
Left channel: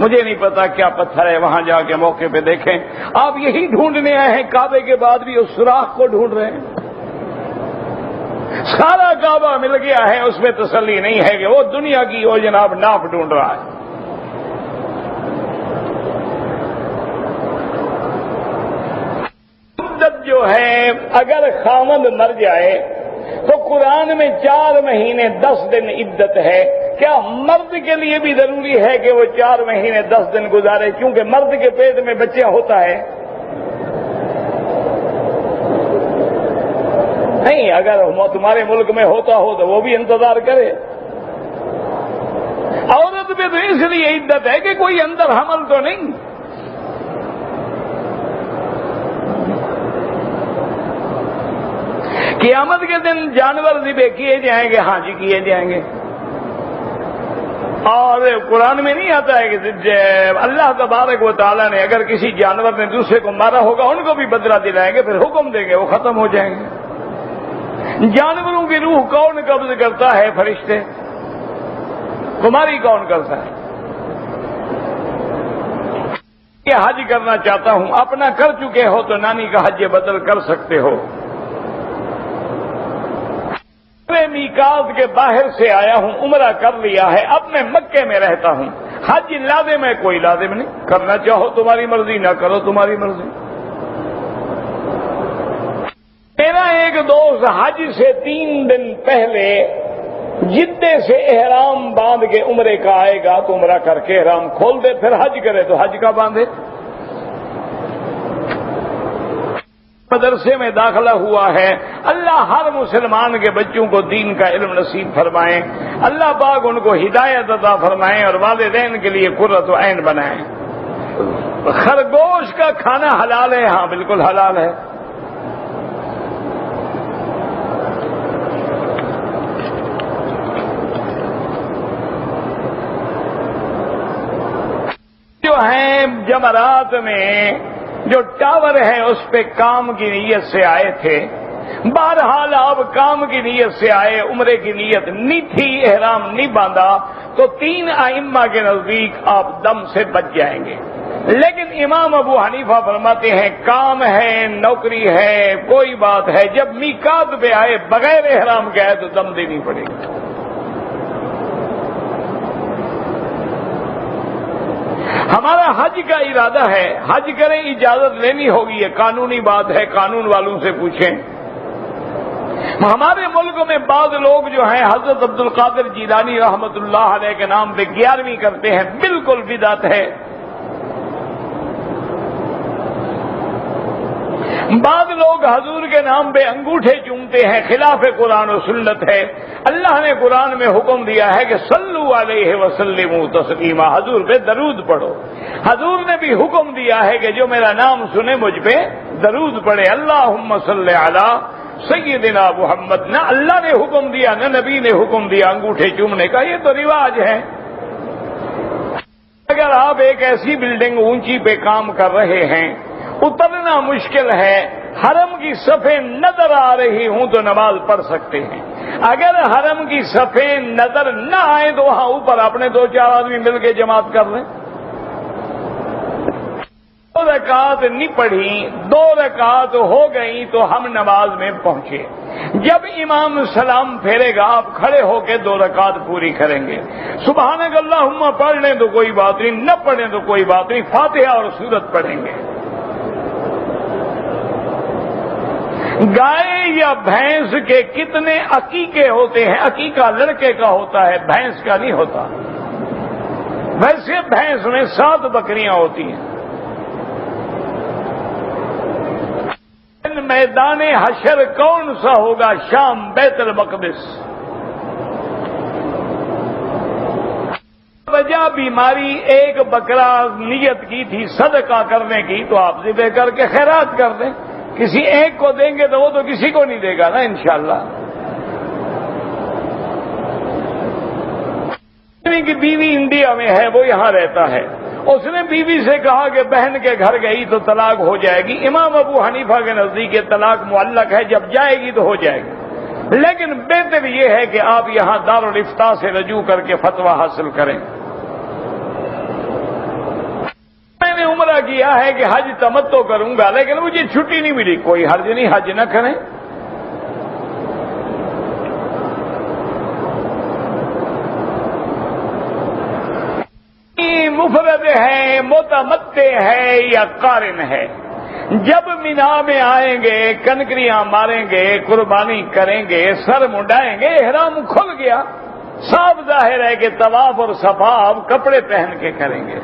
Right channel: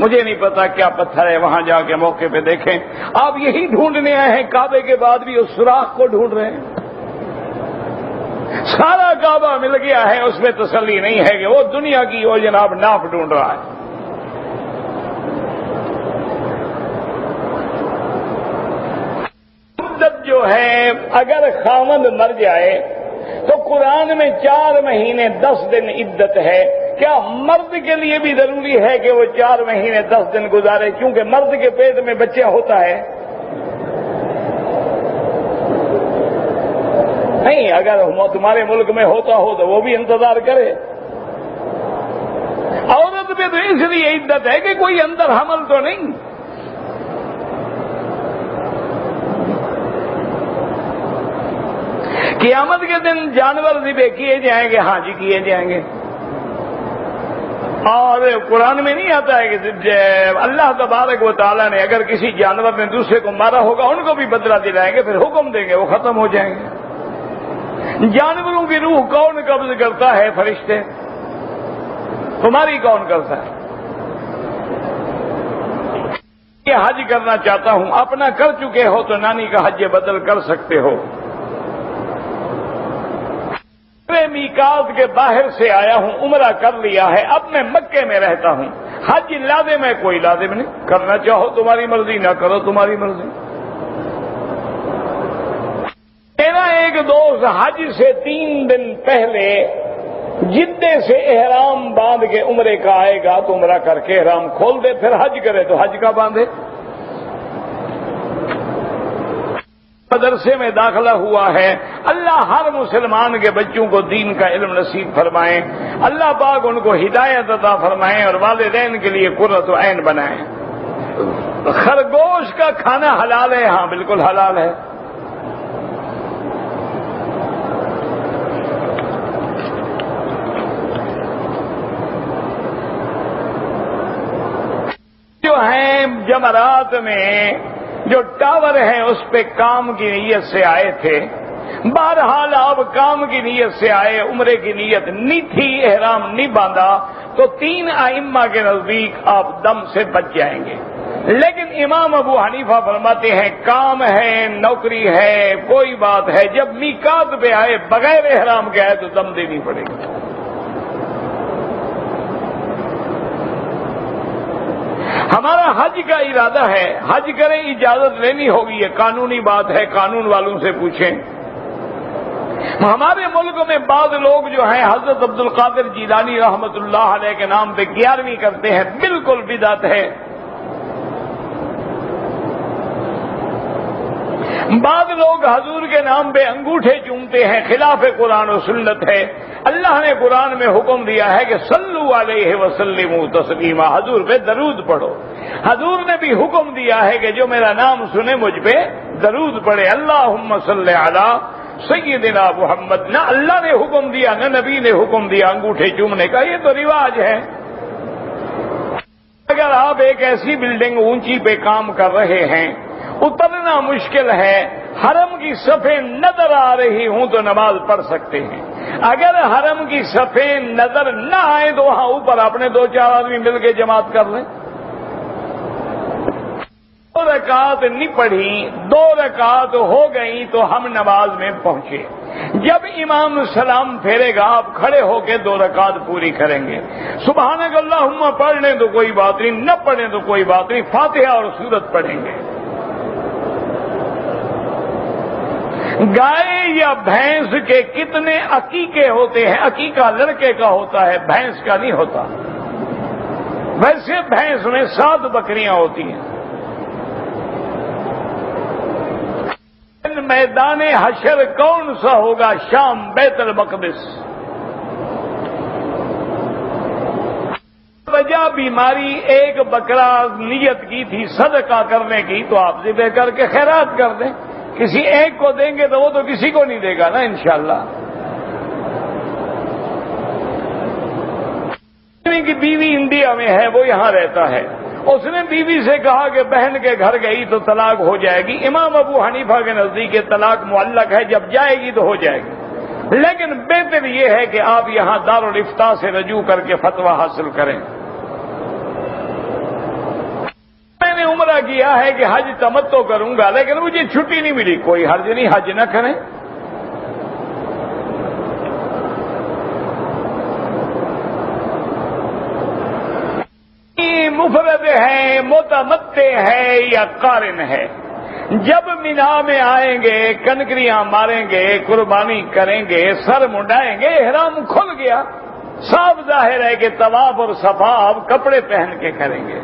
مجھے نہیں پتا کیا پتھر ہے، وہاں جا کے موقع پہ دیکھیں۔ آپ یہی ڈھونڈنے آئے ہیں، کعبے کے بعد بھی اس سوراخ کو ڈھونڈ رہے ہیں۔ سارا کعبہ مل گیا ہے، اس میں تسلی نہیں ہے کہ وہ دنیا کی وہ جناب ناپ ڈھونڈ رہا ہے۔ مدت جو ہے، اگر خاوند مر جائے تو قرآن میں 4 مہینے 10 دن عدت ہے۔ کیا مرد کے لیے بھی ضروری ہے کہ وہ 4 مہینے 10 دن گزارے؟ کیونکہ مرد کے پیٹ میں بچہ ہوتا ہے۔ نہیں، اگر تمہارے ملک میں ہوتا ہو تو وہ بھی انتظار کرے۔ عورت پہ تو اس لیے عدت ہے کہ کوئی اندر حمل تو نہیں۔ قیامت کے دن جانور ذبح کیے جائیں گے، ہاں جی کیے جائیں گے۔ اور قرآن میں نہیں آتا ہے کہ اللہ تبارک و تعالیٰ نے اگر کسی جانور نے دوسرے کو مارا ہوگا ان کو بھی بدلہ دلائیں گے، پھر حکم دیں گے، وہ ختم ہو جائیں گے۔ جانوروں کی روح کون قبض کرتا ہے؟ فرشتے۔ تمہاری کون کرتا ہے؟ کہ حج کرنا چاہتا ہوں، اپنا کر چکے ہو تو نانی کا حج بدل کر سکتے ہو۔ میقات کے باہر سے آیا ہوں، عمرہ کر لیا ہے، اب میں مکے میں رہتا ہوں، حج لازم ہے؟ کوئی لازم نہیں، کرنا چاہو تمہاری مرضی، نہ کرو تمہاری مرضی۔ میرا ایک دوست حج سے 3 دن پہلے جدے سے احرام باندھ کے عمرے کا آئے گا تو عمرہ کر کے احرام کھول دے، پھر حج کرے تو حج کا باندھے۔ مدرسے میں داخلہ ہوا ہے، اللہ ہر مسلمان کے بچوں کو دین کا علم نصیب فرمائیں، اللہ پاک ان کو ہدایت عطا فرمائیں اور والدین کے لیے قرۃ عین بنائیں۔ خرگوش کا کھانا حلال ہے؟ ہاں بالکل حلال ہے۔ جو ہیں جمرات میں جو ٹاور ہیں اس پہ کام کی نیت سے آئے تھے، بہرحال آپ کام کی نیت سے آئے، عمرے کی نیت نہیں تھی، احرام نہیں باندھا، تو 3 ائمہ کے نزدیک آپ دم سے بچ جائیں گے۔ لیکن امام ابو حنیفہ فرماتے ہیں کام ہے، نوکری ہے، کوئی بات ہے، جب میقات پہ آئے بغیر احرام کے آئے تو دم دینی پڑے گی۔ ہمارا حج کا ارادہ ہے، حج کریں، اجازت لینی ہوگی، یہ قانونی بات ہے، قانون والوں سے پوچھیں۔ ہمارے ملک میں بعض لوگ جو ہیں حضرت عبد القادر جیلانی رحمت اللہ علیہ کے نام پہ 11ویں کرتے ہیں، بالکل بدعت ہے۔ بعض لوگ حضور کے نام پہ انگوٹھے چومتے ہیں، خلاف قرآن و سنت ہے۔ اللہ نے قرآن میں حکم دیا ہے کہ صلو علیہ وسلموا تسلیما، حضور پہ درود پڑھو۔ حضور نے بھی حکم دیا ہے کہ جو میرا نام سنے مجھ پہ درود پڑھے، اللہم صلی علی سیدنا محمد۔ نہ اللہ نے حکم دیا نہ نبی نے حکم دیا انگوٹھے چومنے کا، یہ تو رواج ہے۔ اگر آپ ایک ایسی بلڈنگ اونچی پہ کام کر رہے ہیں، اترنا مشکل ہے، حرم کی صفیں نظر آ رہی ہوں تو نماز پڑھ سکتے ہیں۔ اگر حرم کی صفیں نظر نہ آئے تو وہاں اوپر اپنے 2-4 آدمی مل کے جماعت کر لیں۔ 2 رکعت نہیں پڑھی، 2 رکعت ہو گئی تو ہم نماز میں پہنچے۔ جب امام سلام پھیرے گا آپ کھڑے ہو کے 2 رکعت پوری کریں گے۔ سبحانک اللہم پڑھ لیں تو کوئی بات نہیں، نہ پڑھیں تو کوئی بات نہیں، فاتحہ اور سورت پڑھیں گے۔ گائے یا بھینس کے کتنے عقیقے ہوتے ہیں؟ عقیقہ لڑکے کا ہوتا ہے، بھینس کا نہیں ہوتا۔ ویسے بھینس میں 7 بکریاں ہوتی ہیں۔ میدان حشر کون سا ہوگا؟ شام، بیت المقدس۔ وجہ بیماری، ایک بکرا نیت کی تھی صدقہ کرنے کی تو آپ ذبح کر کے خیرات کر دیں۔ کسی ایک کو دیں گے تو وہ تو کسی کو نہیں دے گا نا انشاءاللہ۔ کی بیوی انڈیا میں ہے، وہ یہاں رہتا ہے، اس نے بیوی سے کہا کہ بہن کے گھر گئی تو طلاق ہو جائے گی۔ امام ابو حنیفہ کے نزدیک یہ طلاق معلق ہے، جب جائے گی تو ہو جائے گی، لیکن بہتر یہ ہے کہ آپ یہاں دارالافتاء سے رجوع کر کے فتویٰ حاصل کریں۔ میں نے عمرہ کیا ہے کہ حج تمتع کروں گا، لیکن مجھے چھٹی نہیں ملی، کوئی حرج نہیں، حج نہ کریں۔ مفرد ہے، متمتع ہے یا قارن ہے، جب مینا میں آئیں گے، کنکریاں ماریں گے، قربانی کریں گے، سر منڈائیں گے، احرام کھل گیا، صاف ظاہر ہے کہ طواف اور صفا آپ کپڑے پہن کے کریں گے۔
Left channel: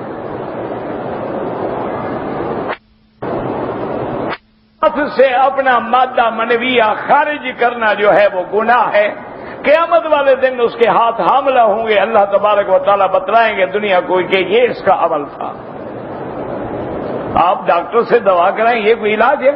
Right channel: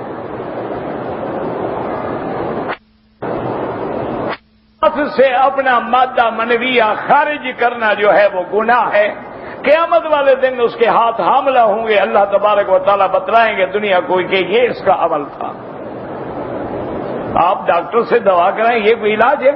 سے اپنا مادہ منویہ خارج کرنا جو ہے وہ گناہ ہے۔ قیامت والے دن اس کے ہاتھ حاملہ ہوں گے، اللہ تبارک و تعالیٰ بتلائیں گے دنیا کو کہ یہ اس کا عمل تھا۔ آپ ڈاکٹر سے دوا کرائیں، یہ کوئی علاج ہے؟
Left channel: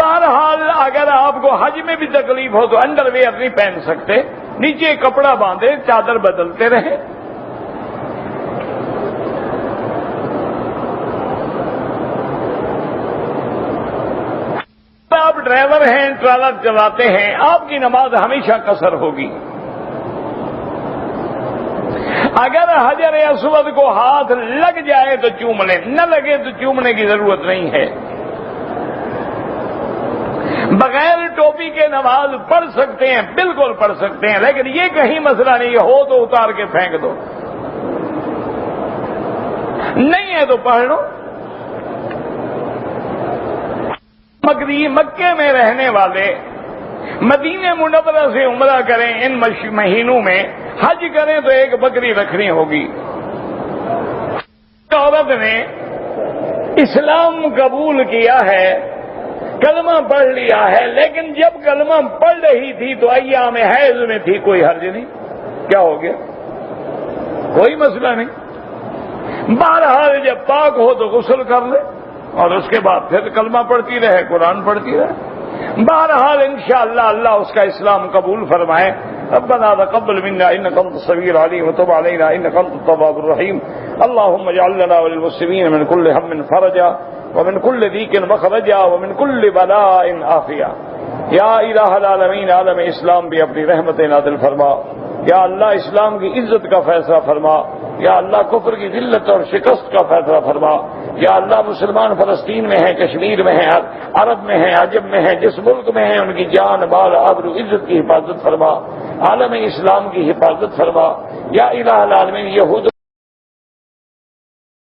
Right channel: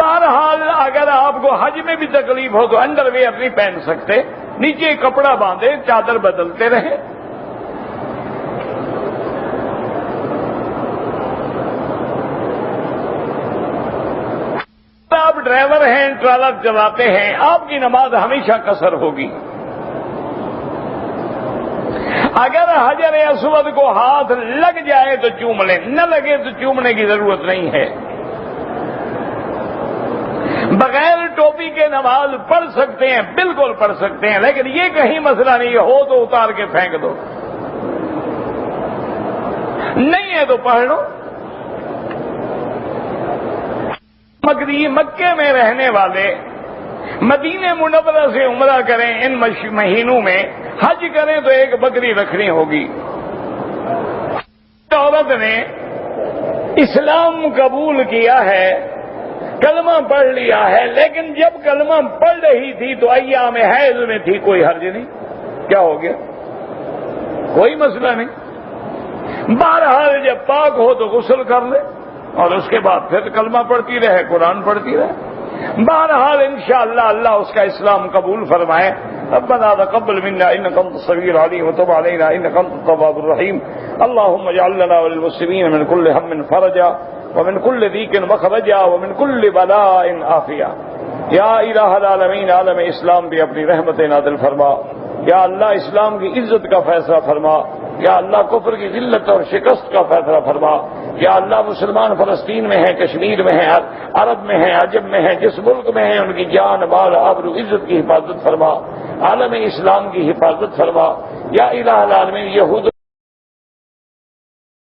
بہرحال اگر آپ کو حج میں بھی تکلیف ہو تو انڈر ویئر نہیں پہن سکتے، نیچے کپڑا باندھے، چادر بدلتے رہیں۔ آپ ڈرائیور ہیں، ٹرالر چلاتے ہیں، آپ کی نماز ہمیشہ قصر ہوگی۔ اگر حجر اسود کو ہاتھ لگ جائے تو چوم لیں، نہ لگے تو چومنے کی ضرورت نہیں ہے۔ بغیر ٹوپی کے نماز پڑھ سکتے ہیں، بالکل پڑھ سکتے ہیں، لیکن یہ کہیں مسئلہ نہیں ہو تو اتار کے پھینک دو، نہیں ہے تو پڑھ لو۔ مکے میں رہنے والے مدینہ منورہ سے عمرہ کریں، ان مہینوں میں حج کریں تو ایک بکری رکھنی ہوگی۔ عورت نے اسلام قبول کیا ہے، کلمہ پڑھ لیا ہے، لیکن جب کلمہ پڑھ رہی تھی تو ایام حیض میں تھی، کوئی حرج نہیں، کیا ہو گیا؟ کوئی مسئلہ نہیں۔ بہرحال جب پاک ہو تو غسل کر لے اور اس کے بعد پھر کلمہ پڑھتی رہے، قرآن پڑھتی رہے۔ بہرحال انشاءاللہ اللہ اس کا اسلام قبول فرمائے۔ ربنا تقبل منا انك انت السميع العليم وتب علينا انك انت التواب الرحيم اللهم اجعل لنا وللمسلمين من كل هم فرجا ومن كل ضيق مخرجا ومن كل بلاء عافيا۔ یا الہ العالمین، عالم اسلام بھی اپنی رحمت نازل فرما۔ یا اللہ اسلام کی عزت کا فیصلہ فرما۔ یا اللہ کفر کی ذلت اور شکست کا فیصلہ فرما۔ یا اللہ مسلمان فلسطین میں ہیں، کشمیر میں ہیں، عرب میں ہیں، عجم میں ہیں، جس ملک میں ہیں ان کی جان مال آبرو عزت کی حفاظت فرما، عالم اسلام کی حفاظت فرما یا الہ العالمین۔ یہود